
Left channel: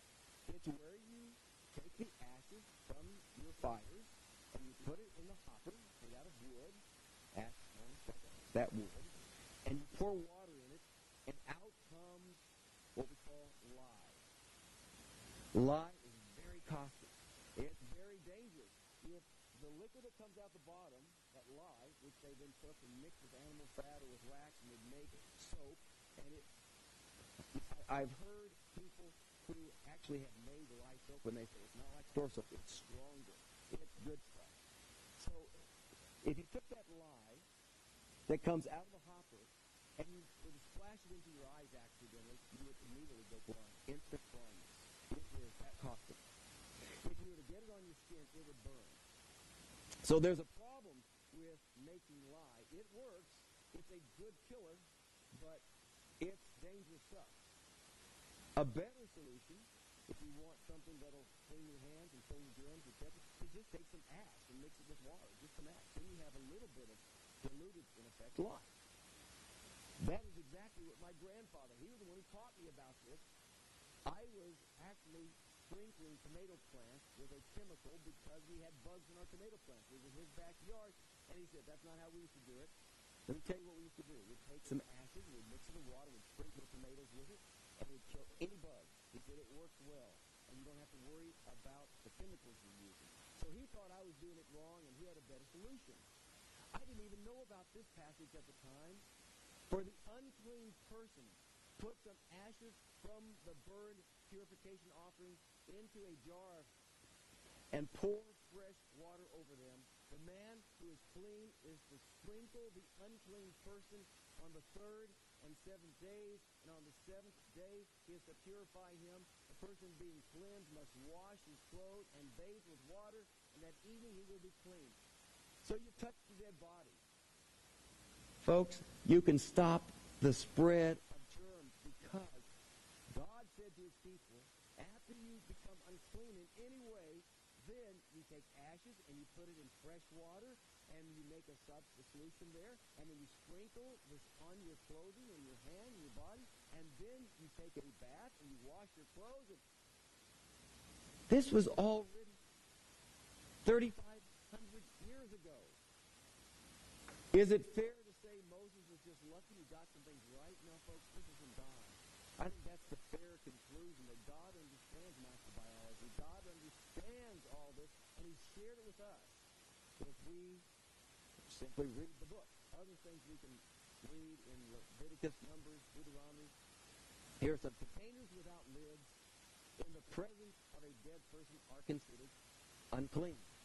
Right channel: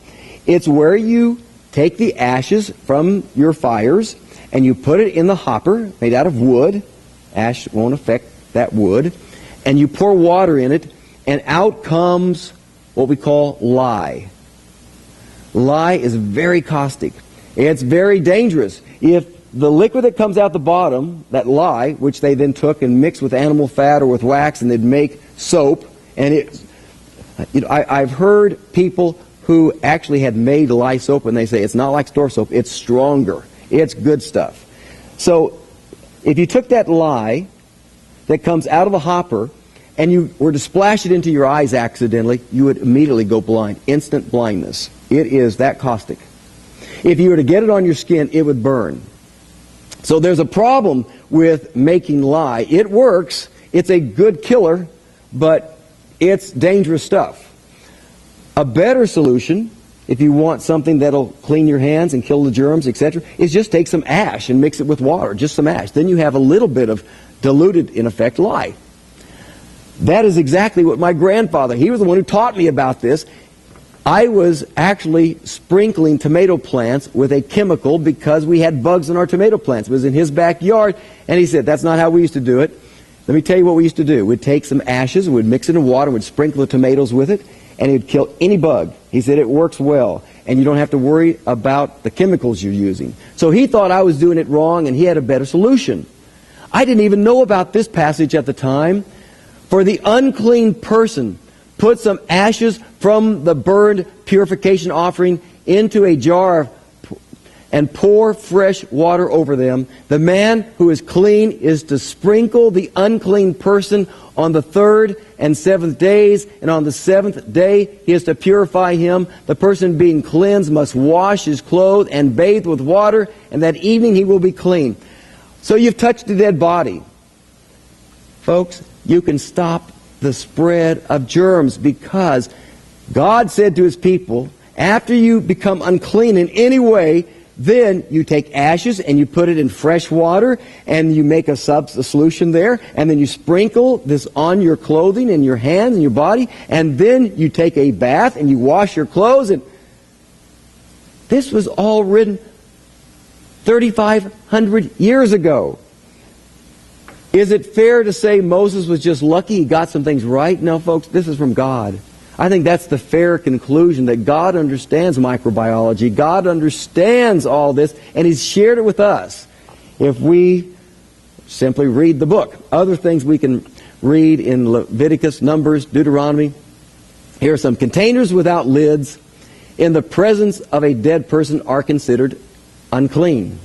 It's where you take the ashes from your fires and you put it in the hopper made out of wood. Ash won't affect that wood. And you pour water in it, and out comes what we call lye. Lye is very caustic. It's very dangerous. If the liquid that comes out the bottom, that lye, which they then took and mixed with animal fat or with wax, and they'd make soap, and I've heard people who actually had made lye soap, and they say it's not like store soap, it's stronger. It's good stuff. So if you took that lye that comes out of a hopper and you were to splash it into your eyes accidentally, you would immediately go blind. Instant blindness. It is that caustic. If you were to get it on your skin, it would burn. So there's a problem with making lye. It works. It's a good killer, but it's dangerous stuff. A better solution, if you want something that'll clean your hands and kill the germs, etc., is just take some ash and mix it with water, just some ash. Then you have a little bit of diluted, in effect, lye. That is exactly what my grandfather, he was the one who taught me about this. I was actually sprinkling tomato plants with a chemical because we had bugs in our tomato plants. It was in his backyard, and he said, that's not how we used to do it. Let me tell you what we used to do. We'd take some ashes, we'd mix it in water, we'd sprinkle the tomatoes with it, and it would kill any bug. He said it works well, and you don't have to worry about the chemicals you're using. So he thought I was doing it wrong, and he had a better solution. I didn't even know about this passage at the time. For the unclean person, put some ashes from the burned purification offering into a jar and pour fresh water over them. The man who is clean is to sprinkle the unclean person on the 3rd and 7th days, and on the 7th day he is to purify him. The person being cleansed must wash his clothes and bathe with water, and that evening he will be clean. So you've touched a dead body. Folks, you can stop the spread of germs because God said to his people, after you become unclean in any way, then you take ashes and you put it in fresh water and you make a solution there, and then you sprinkle this on your clothing and your hands and your body, and then you take a bath and you wash your clothes. And this was all written 3,500 years ago. Is it fair to say Moses was just lucky he got some things right? No, folks, this is from God. I think that's the fair conclusion, that God understands microbiology. God understands all this, and he's shared it with us if we simply read the book. Other things we can read in Leviticus, Numbers, Deuteronomy. Here are some. Containers without lids in the presence of a dead person are considered unclean.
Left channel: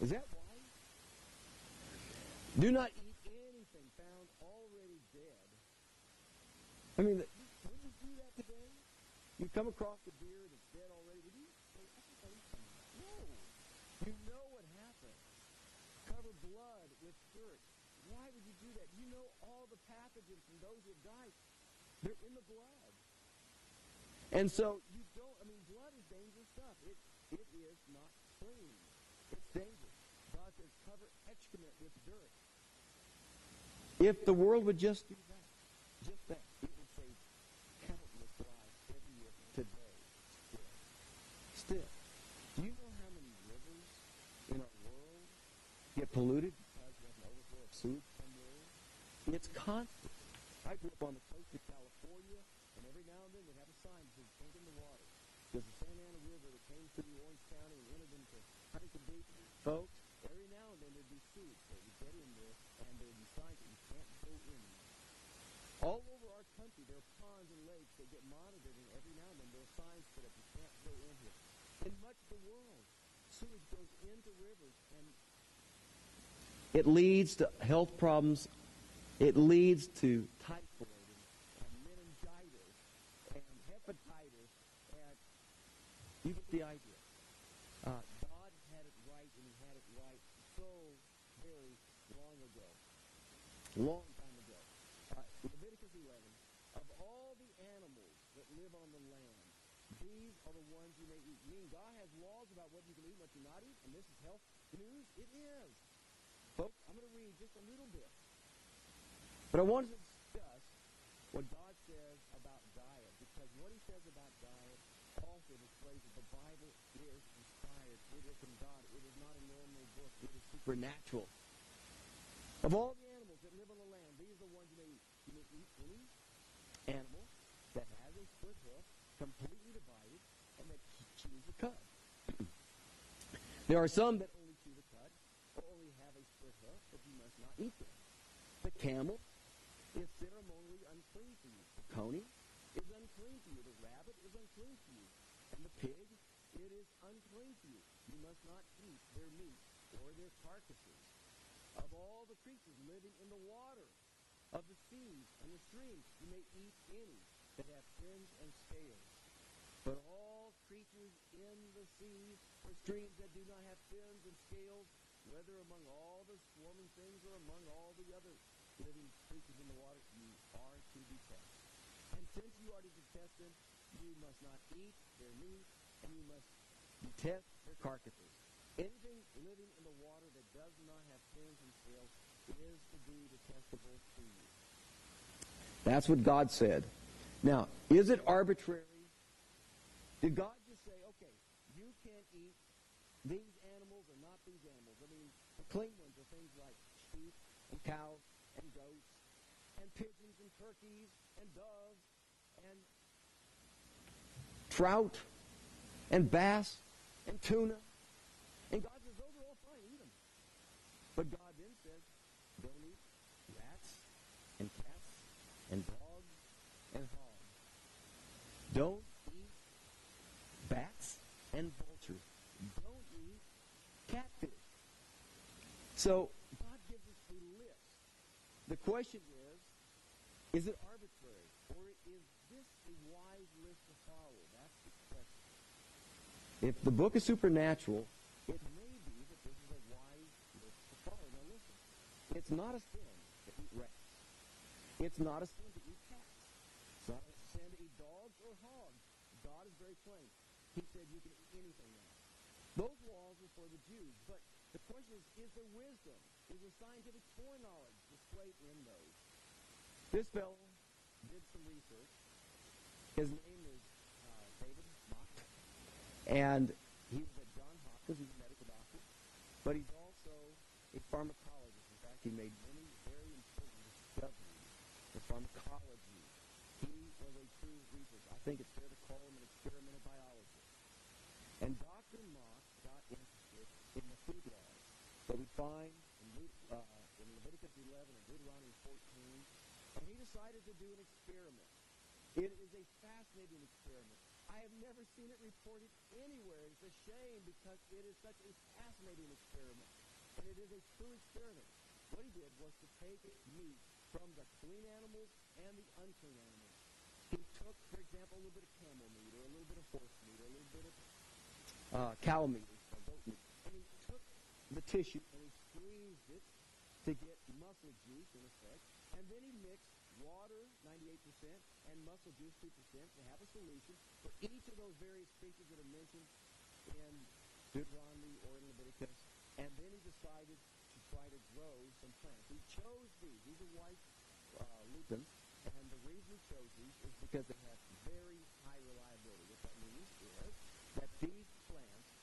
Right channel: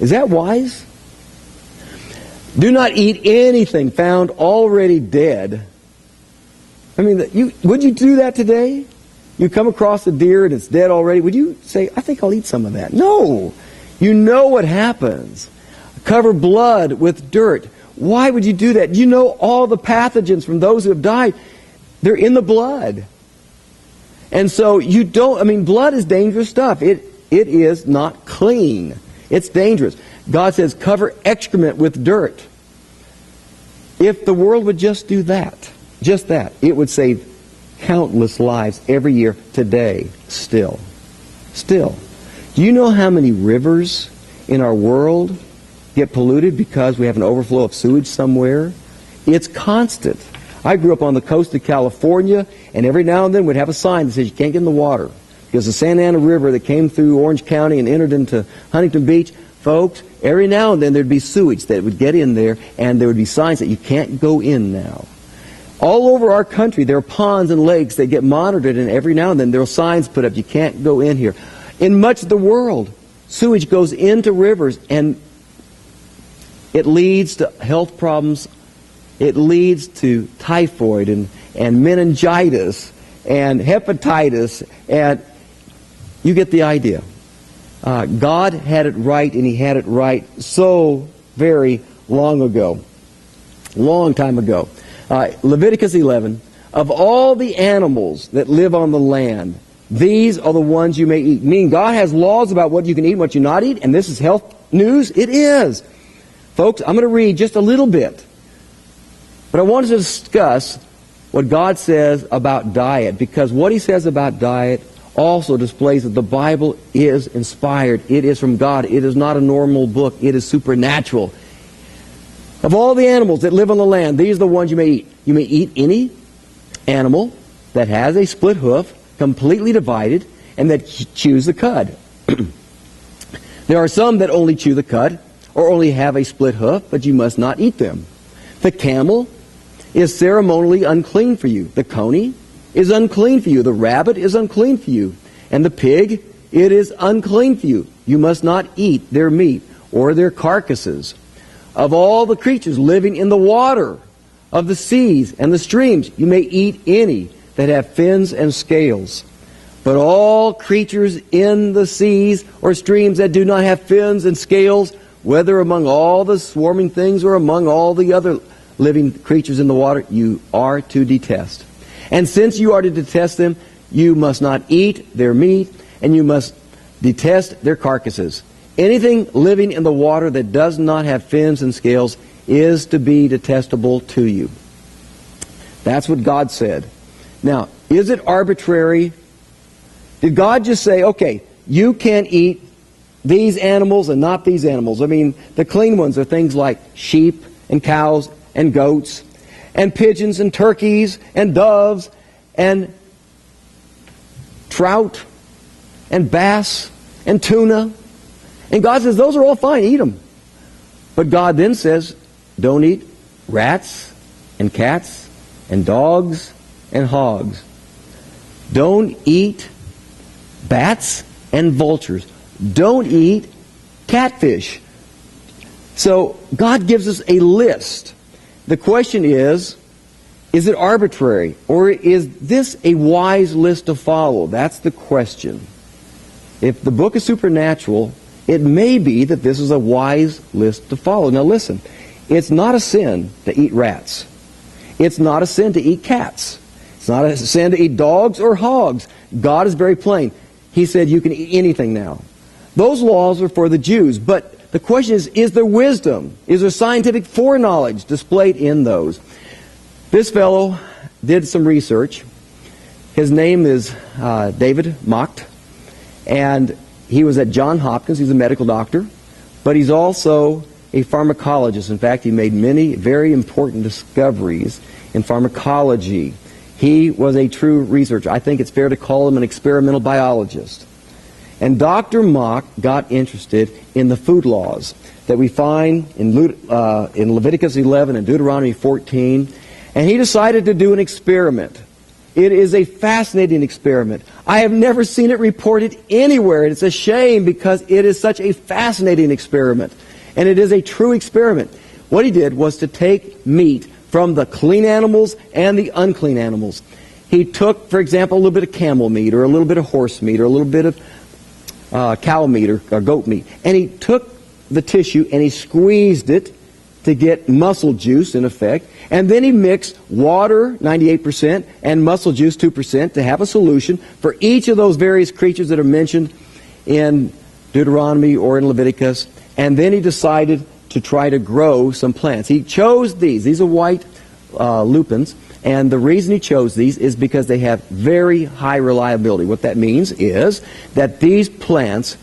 Is that wise? Do not eat anything found already dead. I mean, would you do that today? You come across a deer and it's dead already. Would you say, I think I'll eat some of that? No. You know what happens. Cover blood with dirt. Why would you do that? You know all the pathogens from those who have died. They're in the blood. And so you don't, I mean, blood is dangerous stuff. It is not clean. It's dangerous. God says, cover excrement with dirt. If the world would just do that, just that, it would save countless lives every year today, still. Still. Do you know how many rivers in our world get polluted because we have an overflow of sewage somewhere? It's constant. I grew up on the coast of California, and every now and then we'd have a sign that says you can't get in the water because the Santa Ana River that came through Orange County and entered into Huntington Beach, folks, every now and then there'd be sewage that would get in there, and there would be signs that you can't go in now. All over our country, there are ponds and lakes that get monitored, and every now and then there are signs put up, you can't go in here. In much of the world, sewage goes into rivers, and it leads to health problems. It leads to typhoid and meningitis and hepatitis, and you get the idea. God had it right, and He had it right so very long ago. Long time ago. Leviticus 11, of all the animals that live on the land, these are the ones you may eat. Meaning God has laws about what you can eat and what you not eat, and this is health news? It is. Folks, I'm going to read just a little bit. But I wanted to discuss what God says about diet, because what He says about diet also displays that the Bible is inspired. It is from God. It is not a normal book. It is supernatural. Of all the animals that live on the land, these are the ones you may eat. You may eat any animal that has a split hoof, completely divided, and that chews the cud. There are some that only chew the cud, or only have a split hoof, but you must not eat them. The camel is ceremonially unclean for you. The coney is unclean for you. The rabbit is unclean for you. And the pig, it is unclean for you. You must not eat their meat or their carcasses. Of all the creatures living in the water, of the seas and the streams, you may eat any that have fins and scales. But all creatures in the seas or streams that do not have fins and scales, whether among all the swarming things or among all the other living creatures in the water, you are to detest. And since you are to detest them, you must not eat their meat, and you must detest their carcasses. Anything living in the water that does not have fins and scales is to be detestable to you. That's what God said. Now, is it arbitrary? Did God just say, okay, you can't eat these animals and not these animals? I mean, the clean ones are things like sheep and cows and goats and pigeons and turkeys and doves and trout and bass and tuna. And God says, those are all fine, eat them. But God then says, don't eat rats and cats and dogs and hogs. Don't eat bats and vultures. Don't eat catfish. So God gives us a list. The question is it arbitrary? Or is this a wise list to follow? That's the question. If the book is supernatural, it may be that this is a wise list to follow. Now listen, it's not a sin to eat rats. It's not a sin to eat cats. It's not a sin to eat dogs or hogs. God is very plain. He said you can eat anything now. Those laws are for the Jews, but the question is there wisdom? Is there scientific foreknowledge displayed in those? This fellow did some research. His name is David Macht, and he was at Johns Hopkins. He's a medical doctor, but he's also a pharmacologist. In fact, he made many very important discoveries in pharmacology. He was a true researcher. I think it's fair to call him an experimental biologist. And Dr. Macht got interested in the food laws that we find in Leviticus 11 and Deuteronomy 14, and he decided to do an experiment. It is a fascinating experiment. I have never seen it reported anywhere, and it's a shame because it is such a fascinating experiment. And it is a true experiment. What he did was to take meat from the clean animals and the unclean animals. He took, for example, a little bit of camel meat or a little bit of horse meat or a little bit of cow meat or goat meat. And he took the tissue and he squeezed it to get muscle juice, in effect. And then he mixed water, 98%, and muscle juice, 2%, to have a solution for each of those various creatures that are mentioned in Deuteronomy or in Leviticus. And then he decided to try to grow some plants. He chose these. These are white lupins. And the reason he chose these is because they have very high reliability. What that means is that these plants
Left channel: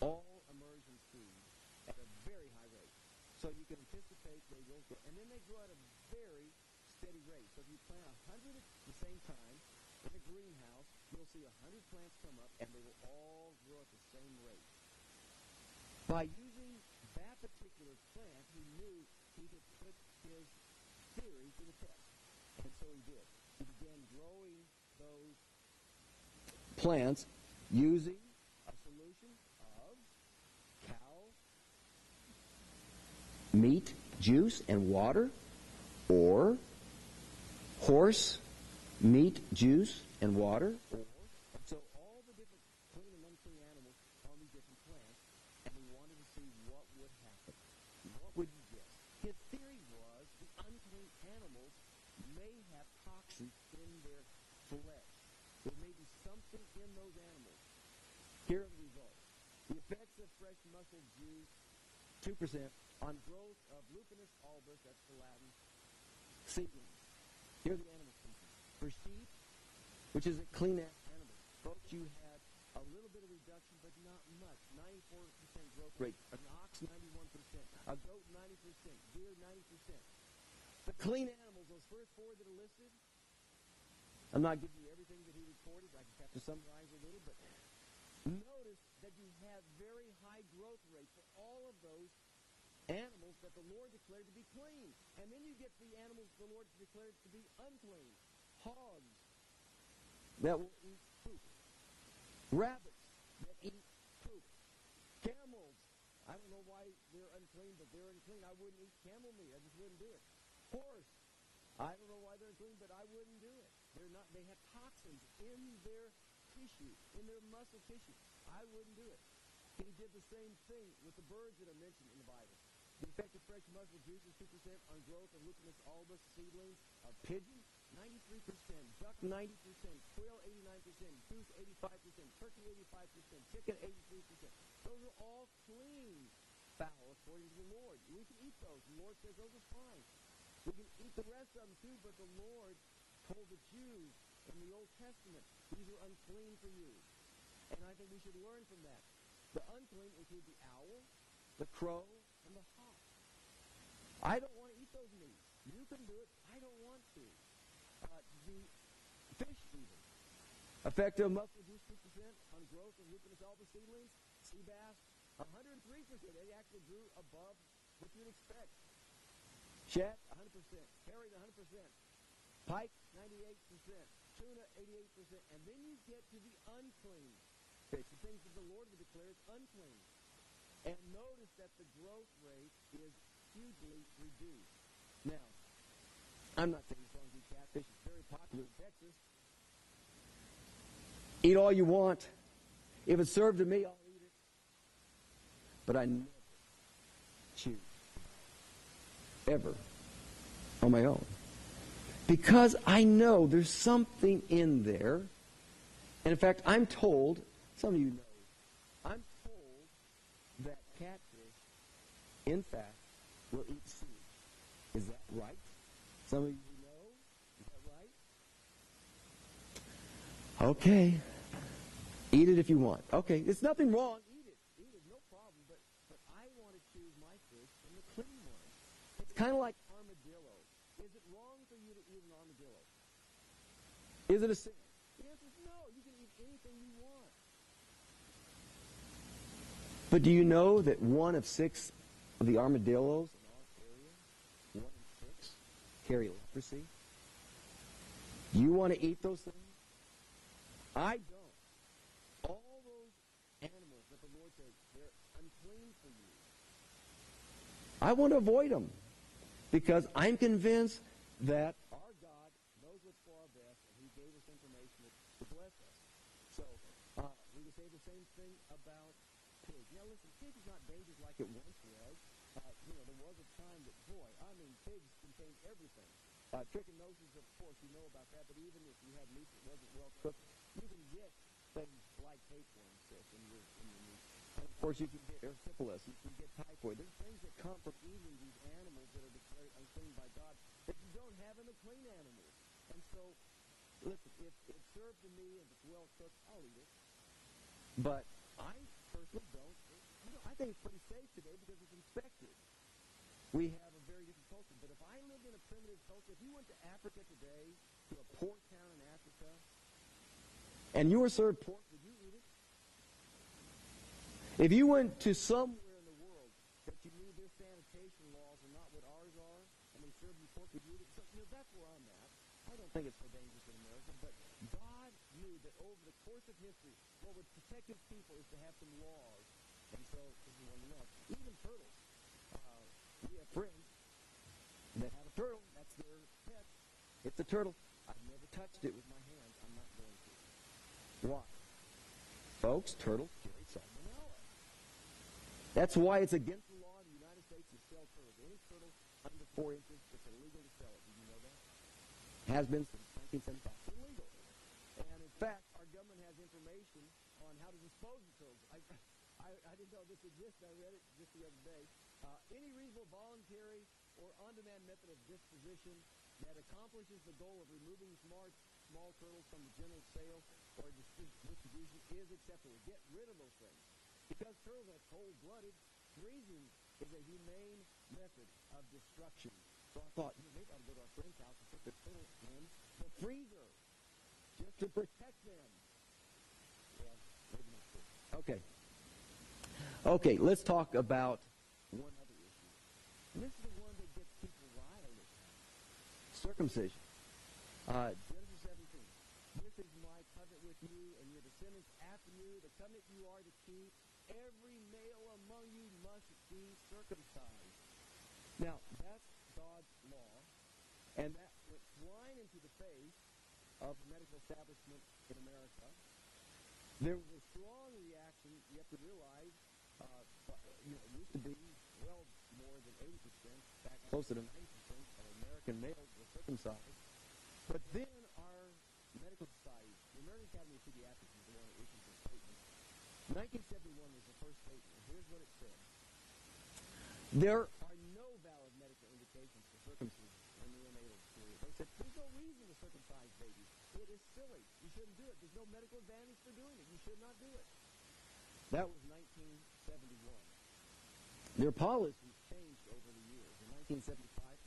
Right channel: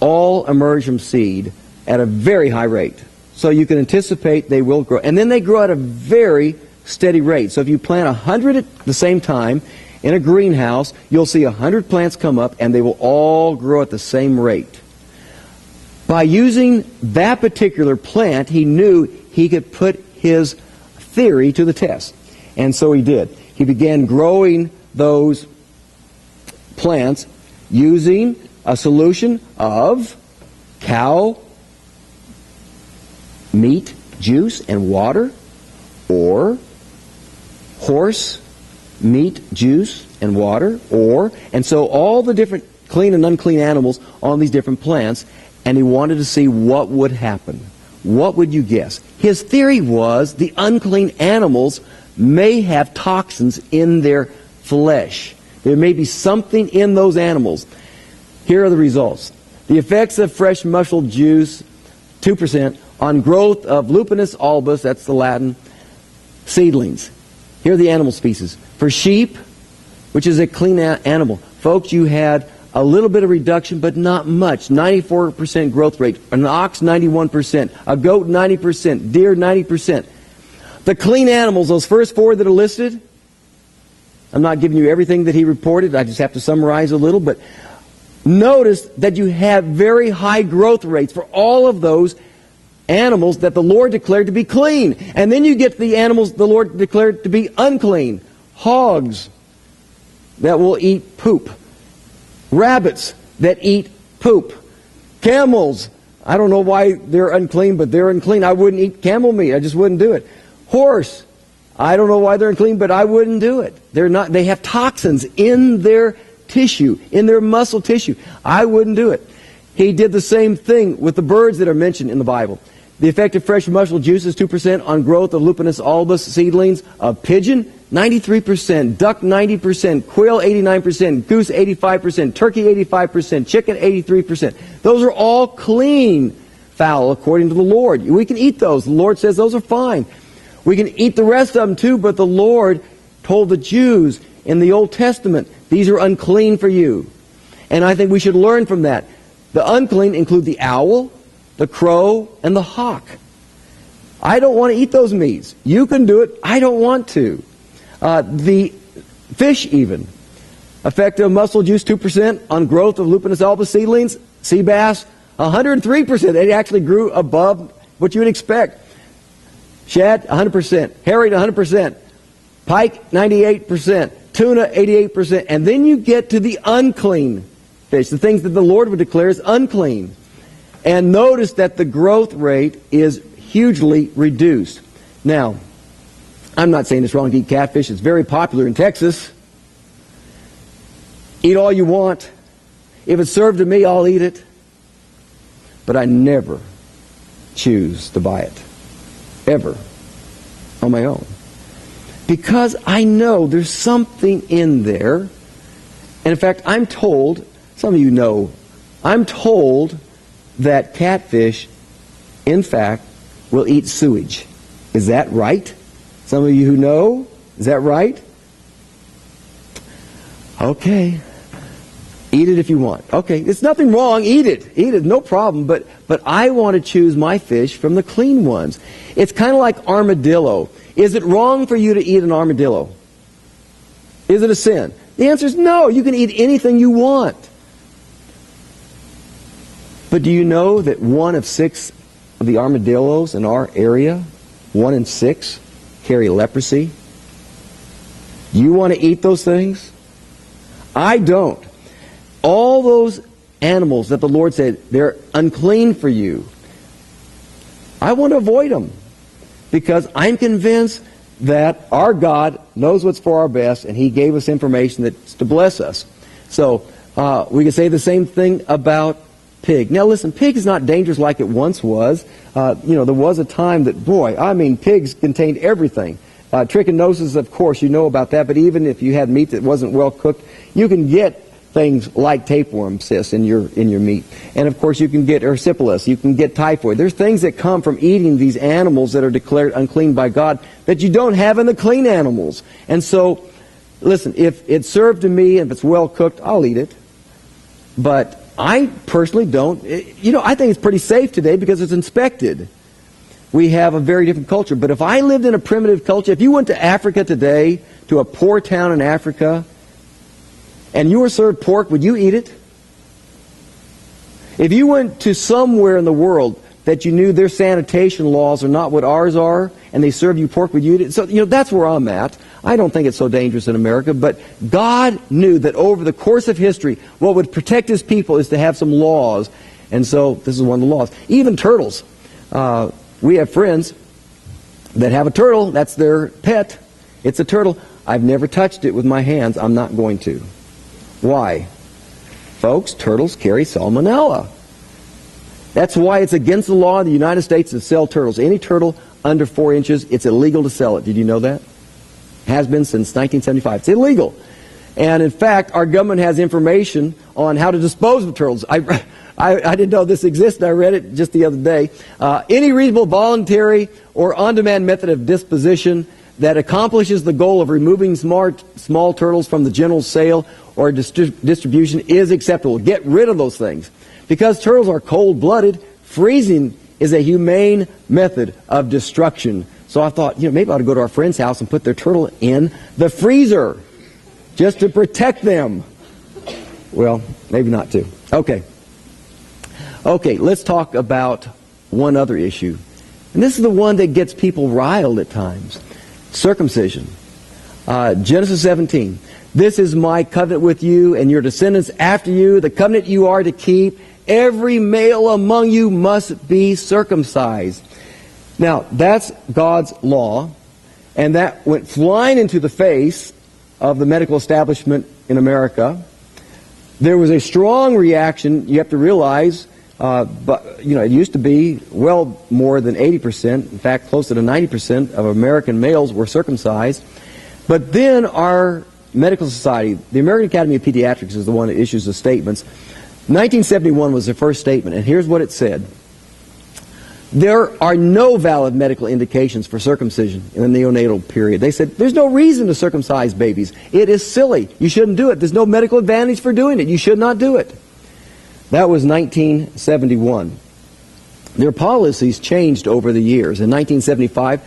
all emerge from seed at a very high rate. So you can anticipate they will grow. And then they grow at a very steady rate. So if you plant 100 at the same time in a greenhouse, you'll see 100 plants come up and they will all grow at the same rate. By using that particular plant, he knew he could put his theory to the test. And so he did. He began growing those plants using a solution of cow meat juice and water, or horse meat juice and water, and so all the different clean and unclean animals on these different plants, and he wanted to see what would happen. What would you guess? His theory was the unclean animals may have toxins in their flesh. There may be something in those animals. Here are the results. The effects of fresh mussel juice, 2%, on growth of Lupinus albus, that's the Latin, seedlings. Here are the animal species. For sheep, which is a clean animal, folks, you had a little bit of reduction, but not much. 94% growth rate. An ox, 91%. A goat, 90%. Deer, 90%. The clean animals, those first four that are listed, I'm not giving you everything that he reported. I just have to summarize a little, but notice that you have very high growth rates for all of those animals that the Lord declared to be clean. And then you get the animals the Lord declared to be unclean. Hogs that will eat poop. Rabbits that eat poop. Camels. I don't know why they're unclean, but they're unclean. I wouldn't eat camel meat. I just wouldn't do it. Horse. I don't know why they're unclean, but I wouldn't do it. They have toxins in their tissue, in their muscle tissue. I wouldn't do it. He did the same thing with the birds that are mentioned in the Bible. The effect of fresh mussel juice is 2% on growth of Lupinus albus seedlings. A pigeon, 93%. Duck, 90%. Quail, 89%. Goose, 85%. Turkey, 85%. Chicken, 83%. Those are all clean fowl according to the Lord. We can eat those. The Lord says those are fine. We can eat the rest of them too, but the Lord told the Jews in the Old Testament, these are unclean for you. And I think we should learn from that. The unclean include the owl, the crow, and the hawk. I don't want to eat those meats. You can do it. I don't want to. The fish even. Effect of mussel juice, 2% on growth of Lupinus albus seedlings. Sea bass, 103%. It actually grew above what you would expect. Shad, 100%. Herring, 100%. Pike, 98%. Tuna, 88%. And then you get to the unclean fish, the things that the Lord would declare as unclean. And notice that the growth rate is hugely reduced. Now, I'm not saying it's wrong to eat catfish. It's very popular in Texas. Eat all you want. If it's served to me, I'll eat it. But I never choose to buy it. Ever. On my own. Because I know there's something in there. And in fact, I'm told, some of you know, I'm told that catfish, in fact, will eat sewage. Is that right? Some of you who know, is that right? Okay. Eat it if you want. Okay, there's nothing wrong. Eat it. Eat it, no problem. But I want to choose my fish from the clean ones. It's kind of like armadillo. Is it wrong for you to eat an armadillo? Is it a sin? The answer is no. You can eat anything you want. But do you know that 1 of 6 of the armadillos in our area, 1 in 6, carry leprosy? Do you want to eat those things? I don't. All those animals that the Lord said, they're unclean for you. I want to avoid them because I'm convinced that our God knows what's for our best, and He gave us information that's to bless us. So we can say the same thing about pig. Now listen, pig is not dangerous like it once was. There was a time that, pigs contained everything. Trichinosis, of course, you know about that, but even if you had meat that wasn't well cooked, you can get things like tapeworm cysts in your meat. And of course you can get erysipelas, you can get typhoid. There's things that come from eating these animals that are declared unclean by God that you don't have in the clean animals. And so, listen, if it's served to me, if it's well cooked, I'll eat it. But I personally don't. I think it's pretty safe today because it's inspected. We have a very different culture. But if I lived in a primitive culture, if you went to Africa today, to a poor town in Africa, and you were served pork, would you eat it? If you went to somewhere in the world that you knew their sanitation laws are not what ours are, and they serve you pork with you. So, that's where I'm at. I don't think it's so dangerous in America, but God knew that over the course of history, what would protect His people is to have some laws, and so this is one of the laws. Even turtles. We have friends that have a turtle. That's their pet. It's a turtle. I've never touched it with my hands. I'm not going to. Why? Folks, turtles carry salmonella. That's why it's against the law in the United States to sell turtles. Any turtle under 4 inches, it's illegal to sell it. Did you know that? Has been since 1975. It's illegal. And in fact, our government has information on how to dispose of turtles. I didn't know this existed. I read it just the other day. Any reasonable, voluntary, or on-demand method of disposition that accomplishes the goal of removing small turtles from the general sale or distribution is acceptable. Get rid of those things. Because turtles are cold-blooded, freezing is a humane method of destruction. So I thought, maybe I ought to go to our friend's house and put their turtle in the freezer just to protect them. Well, maybe not to. Okay, let's talk about one other issue. And this is the one that gets people riled at times. Circumcision. Genesis 17. This is my covenant with you and your descendants after you, the covenant you are to keep. Every male among you must be circumcised. Now, that's God's law, and that went flying into the face of the medical establishment in America. There was a strong reaction. You have to realize, but it used to be well more than 80%, in fact, closer to 90% of American males were circumcised. But then our medical society, the American Academy of Pediatrics, is the one that issues the statements. 1971 was the first statement, and here's what it said. There are no valid medical indications for circumcision in the neonatal period. They said, there's no reason to circumcise babies. It is silly. You shouldn't do it. There's no medical advantage for doing it. You should not do it. That was 1971. Their policies changed over the years. In 1975,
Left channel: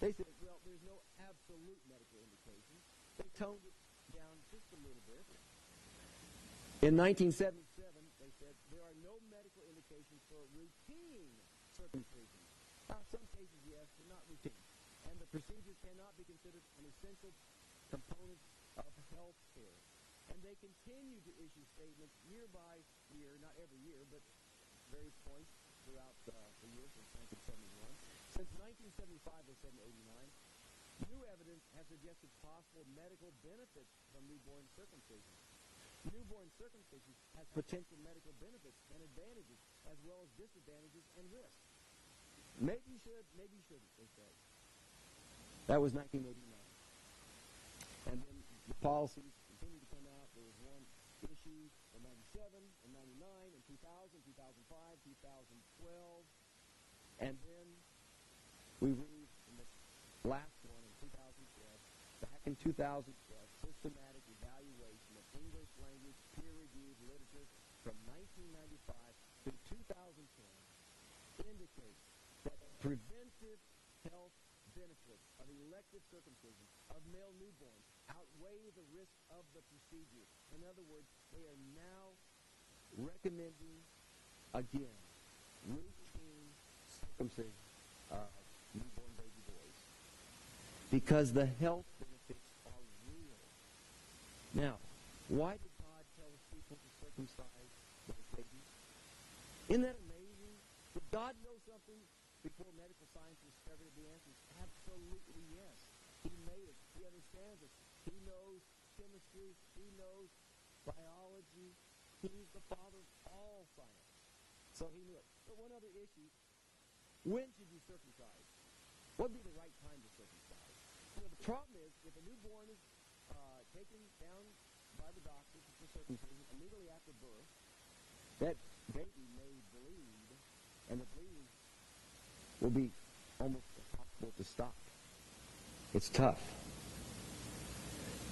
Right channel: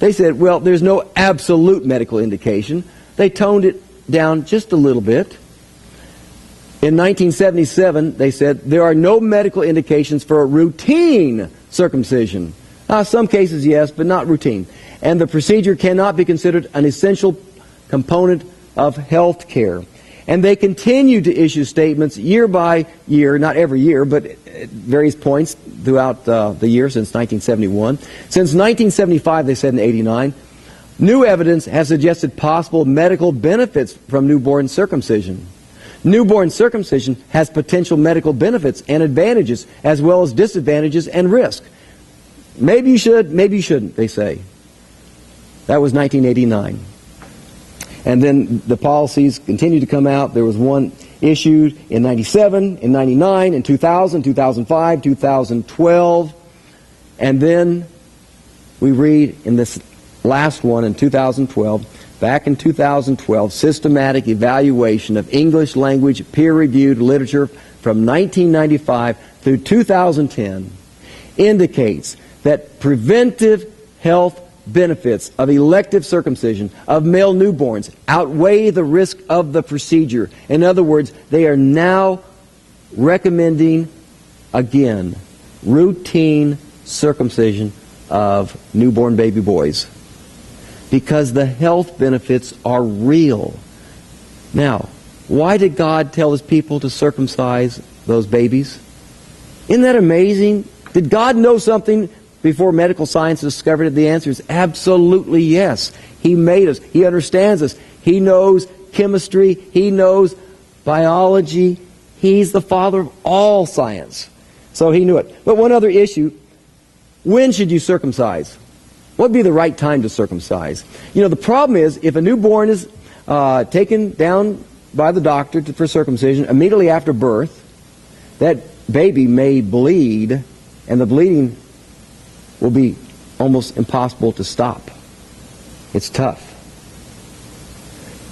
they said, well, there's no absolute medical indication. They toned it down just a little bit. In 1977, they said, there are no medical indications for a routine circumcision. Some cases, yes, but not routine. And the procedure cannot be considered an essential component of health care. And they continue to issue statements year by year, not every year, but at various points throughout the year since 1971. Since 1975, they said in 89, new evidence has suggested possible medical benefits from newborn circumcision. Newborn circumcision has potential medical benefits and advantages, as well as disadvantages and risk. Maybe you should, maybe you shouldn't, they say. That was 1989. And then the policies continued to come out. There was one issued in 97, in 99, in 2000, 2005, 2012. And then we read in this last one in 2012, back in 2012, systematic evaluation of English language peer-reviewed literature from 1995 through 2010 indicates that preventive health benefits of elective circumcision of male newborns outweigh the risk of the procedure. In other words, they are now recommending, again, routine circumcision of newborn baby boys, because the health benefits are real. Now, why did God tell His people to circumcise those babies? Isn't that amazing? Did God know something before medical science discovered it? The answer is absolutely yes. He made us. He understands us. He knows chemistry. He knows biology. He's the father of all science. So He knew it. But one other issue, when should you circumcise? What would be the right time to circumcise? The problem is, if a newborn is taken down by the doctor for circumcision immediately after birth, that baby may bleed, and the bleeding will be almost impossible to stop. It's tough.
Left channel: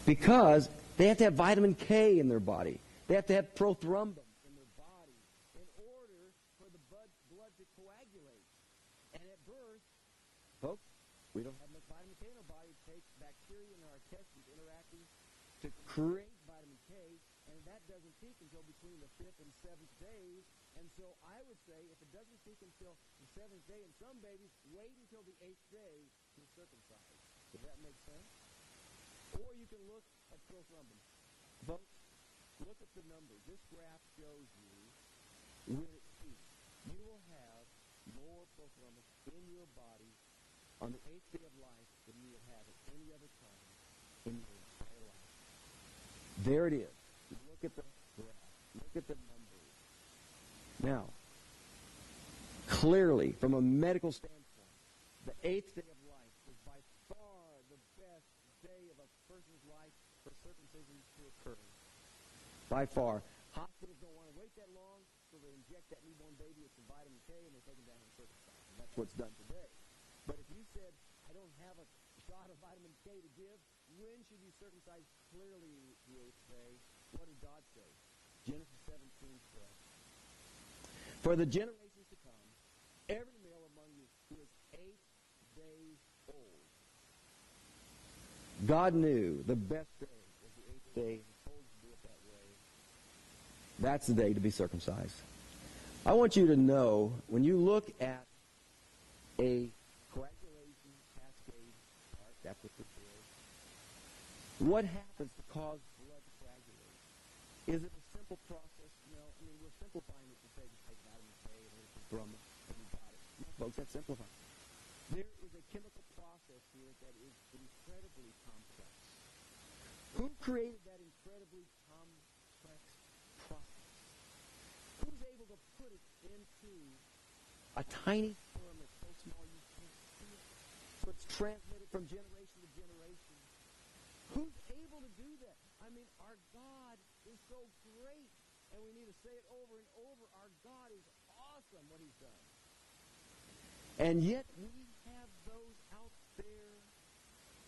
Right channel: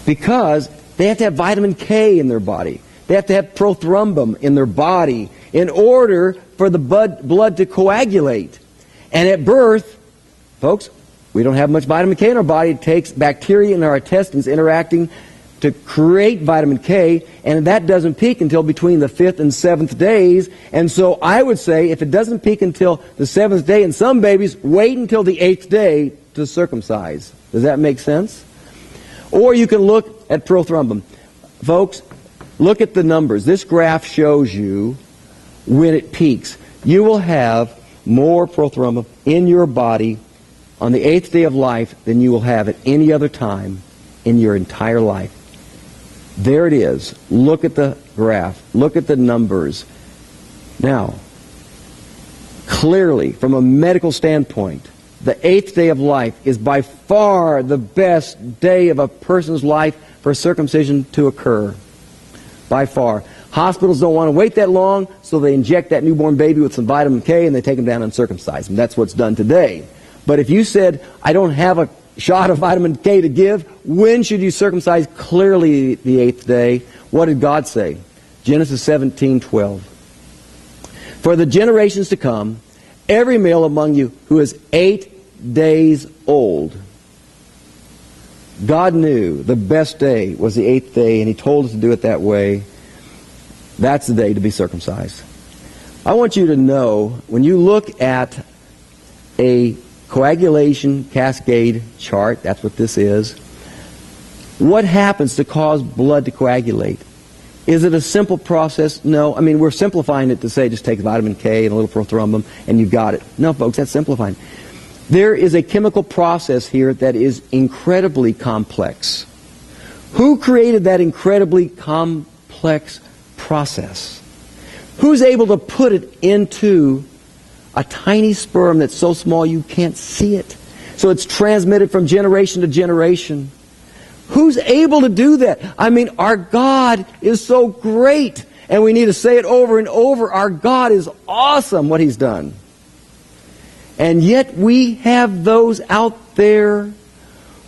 Because they have to have vitamin K in their body. They have to have prothrombin in their body in order for the blood to coagulate. And at birth, folks, we don't have much vitamin K in our body. It takes bacteria in our intestines interacting to create vitamin K, and that doesn't peak until between the 5th and 7th days. And so I would say if it doesn't peak until the 7th day in some babies, wait until the 8th day to circumcise. Does that make sense? Or you can look at prothrombin. Folks, look at the numbers. This graph shows you when it peaks. You will have more prothrombin in your body on the 8th day of life than you will have at any other time in your entire life. There it is. Look at the graph. Look at the numbers. Now, clearly, from a medical standpoint, the 8th day of life is by far the best day of a person's life for circumcision to occur. By far. Hospitals don't want to wait that long, so they inject that newborn baby with some vitamin K and they take them down and circumcise them. That's what's done today. But if you said, I don't have a shot of vitamin K to give, when should you circumcise? Clearly the 8th day. What did God say? Genesis 17:12. For the generations to come, every male among you who is 8 days old. God knew the best day was the 8th day, and He told us to do it that way. That's the day to be circumcised. I want you to know, when you look at a coagulation cascade chart, that's what this is, what happens to cause blood to coagulate? Is it a simple process? No. I mean, we're simplifying it to say just take vitamin K and a little prothrombin and you've got it. No, folks, that's simplifying. There is a chemical process here that is incredibly complex. Who created that incredibly complex process? Who's able to put it into a tiny sperm that's so small you can't see it? So it's transmitted from generation to generation. Who's able to do that? I mean, our God is so great. And we need to say it over and over. Our God is awesome, what He's done. And yet we have those out there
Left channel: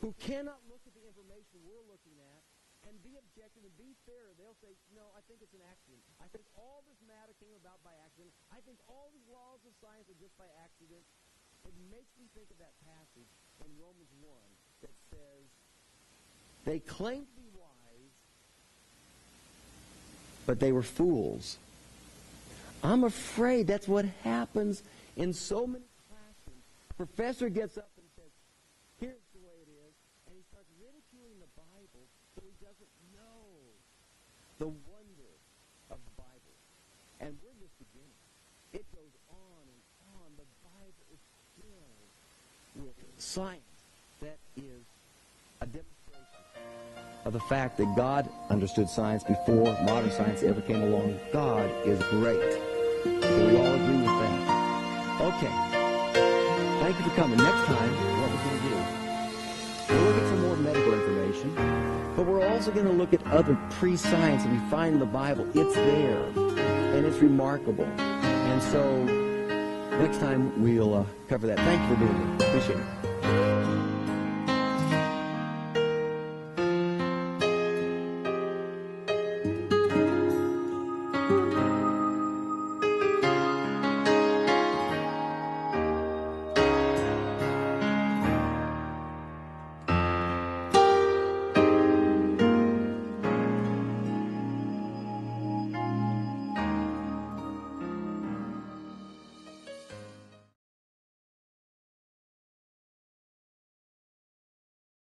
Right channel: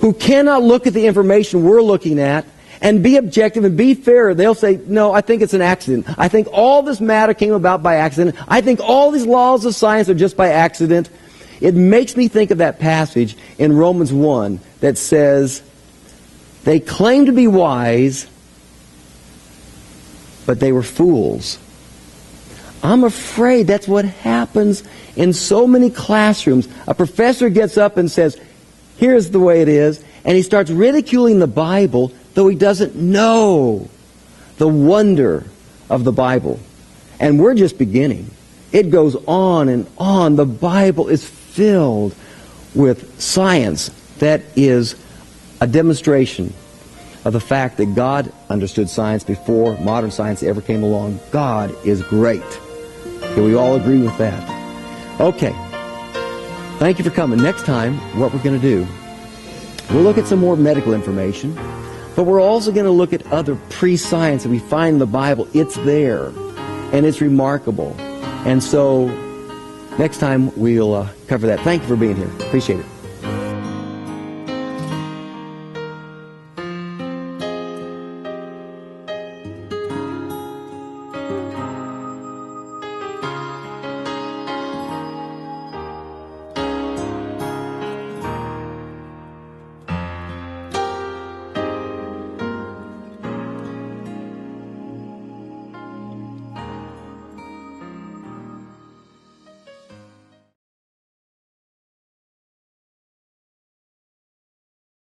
who cannot look at the information we're looking at and be objective and be fair. They'll say, no, I think it's an accident. I think all this matter came about by accident. I think all these laws of science are just by accident. It makes me think of that passage in Romans 1 that says, they claim to be wise, but they were fools. I'm afraid that's what happens in so many classrooms. A professor gets up and says, here's the way it is, and he starts ridiculing the Bible, though he doesn't know the wonder of the Bible. And we're just beginning. It goes on and on. The Bible is filled with science that is a demonstration of the fact that God understood science before modern science ever came along. God is great. Can we all agree with that? Okay. Thank you for coming. Next time, what we're going to do, we'll look at some more medical information, but we're also going to look at other pre-science that we find in the Bible. It's there, and it's remarkable. And so, next time we'll cover that. Thank you for being here. Appreciate it.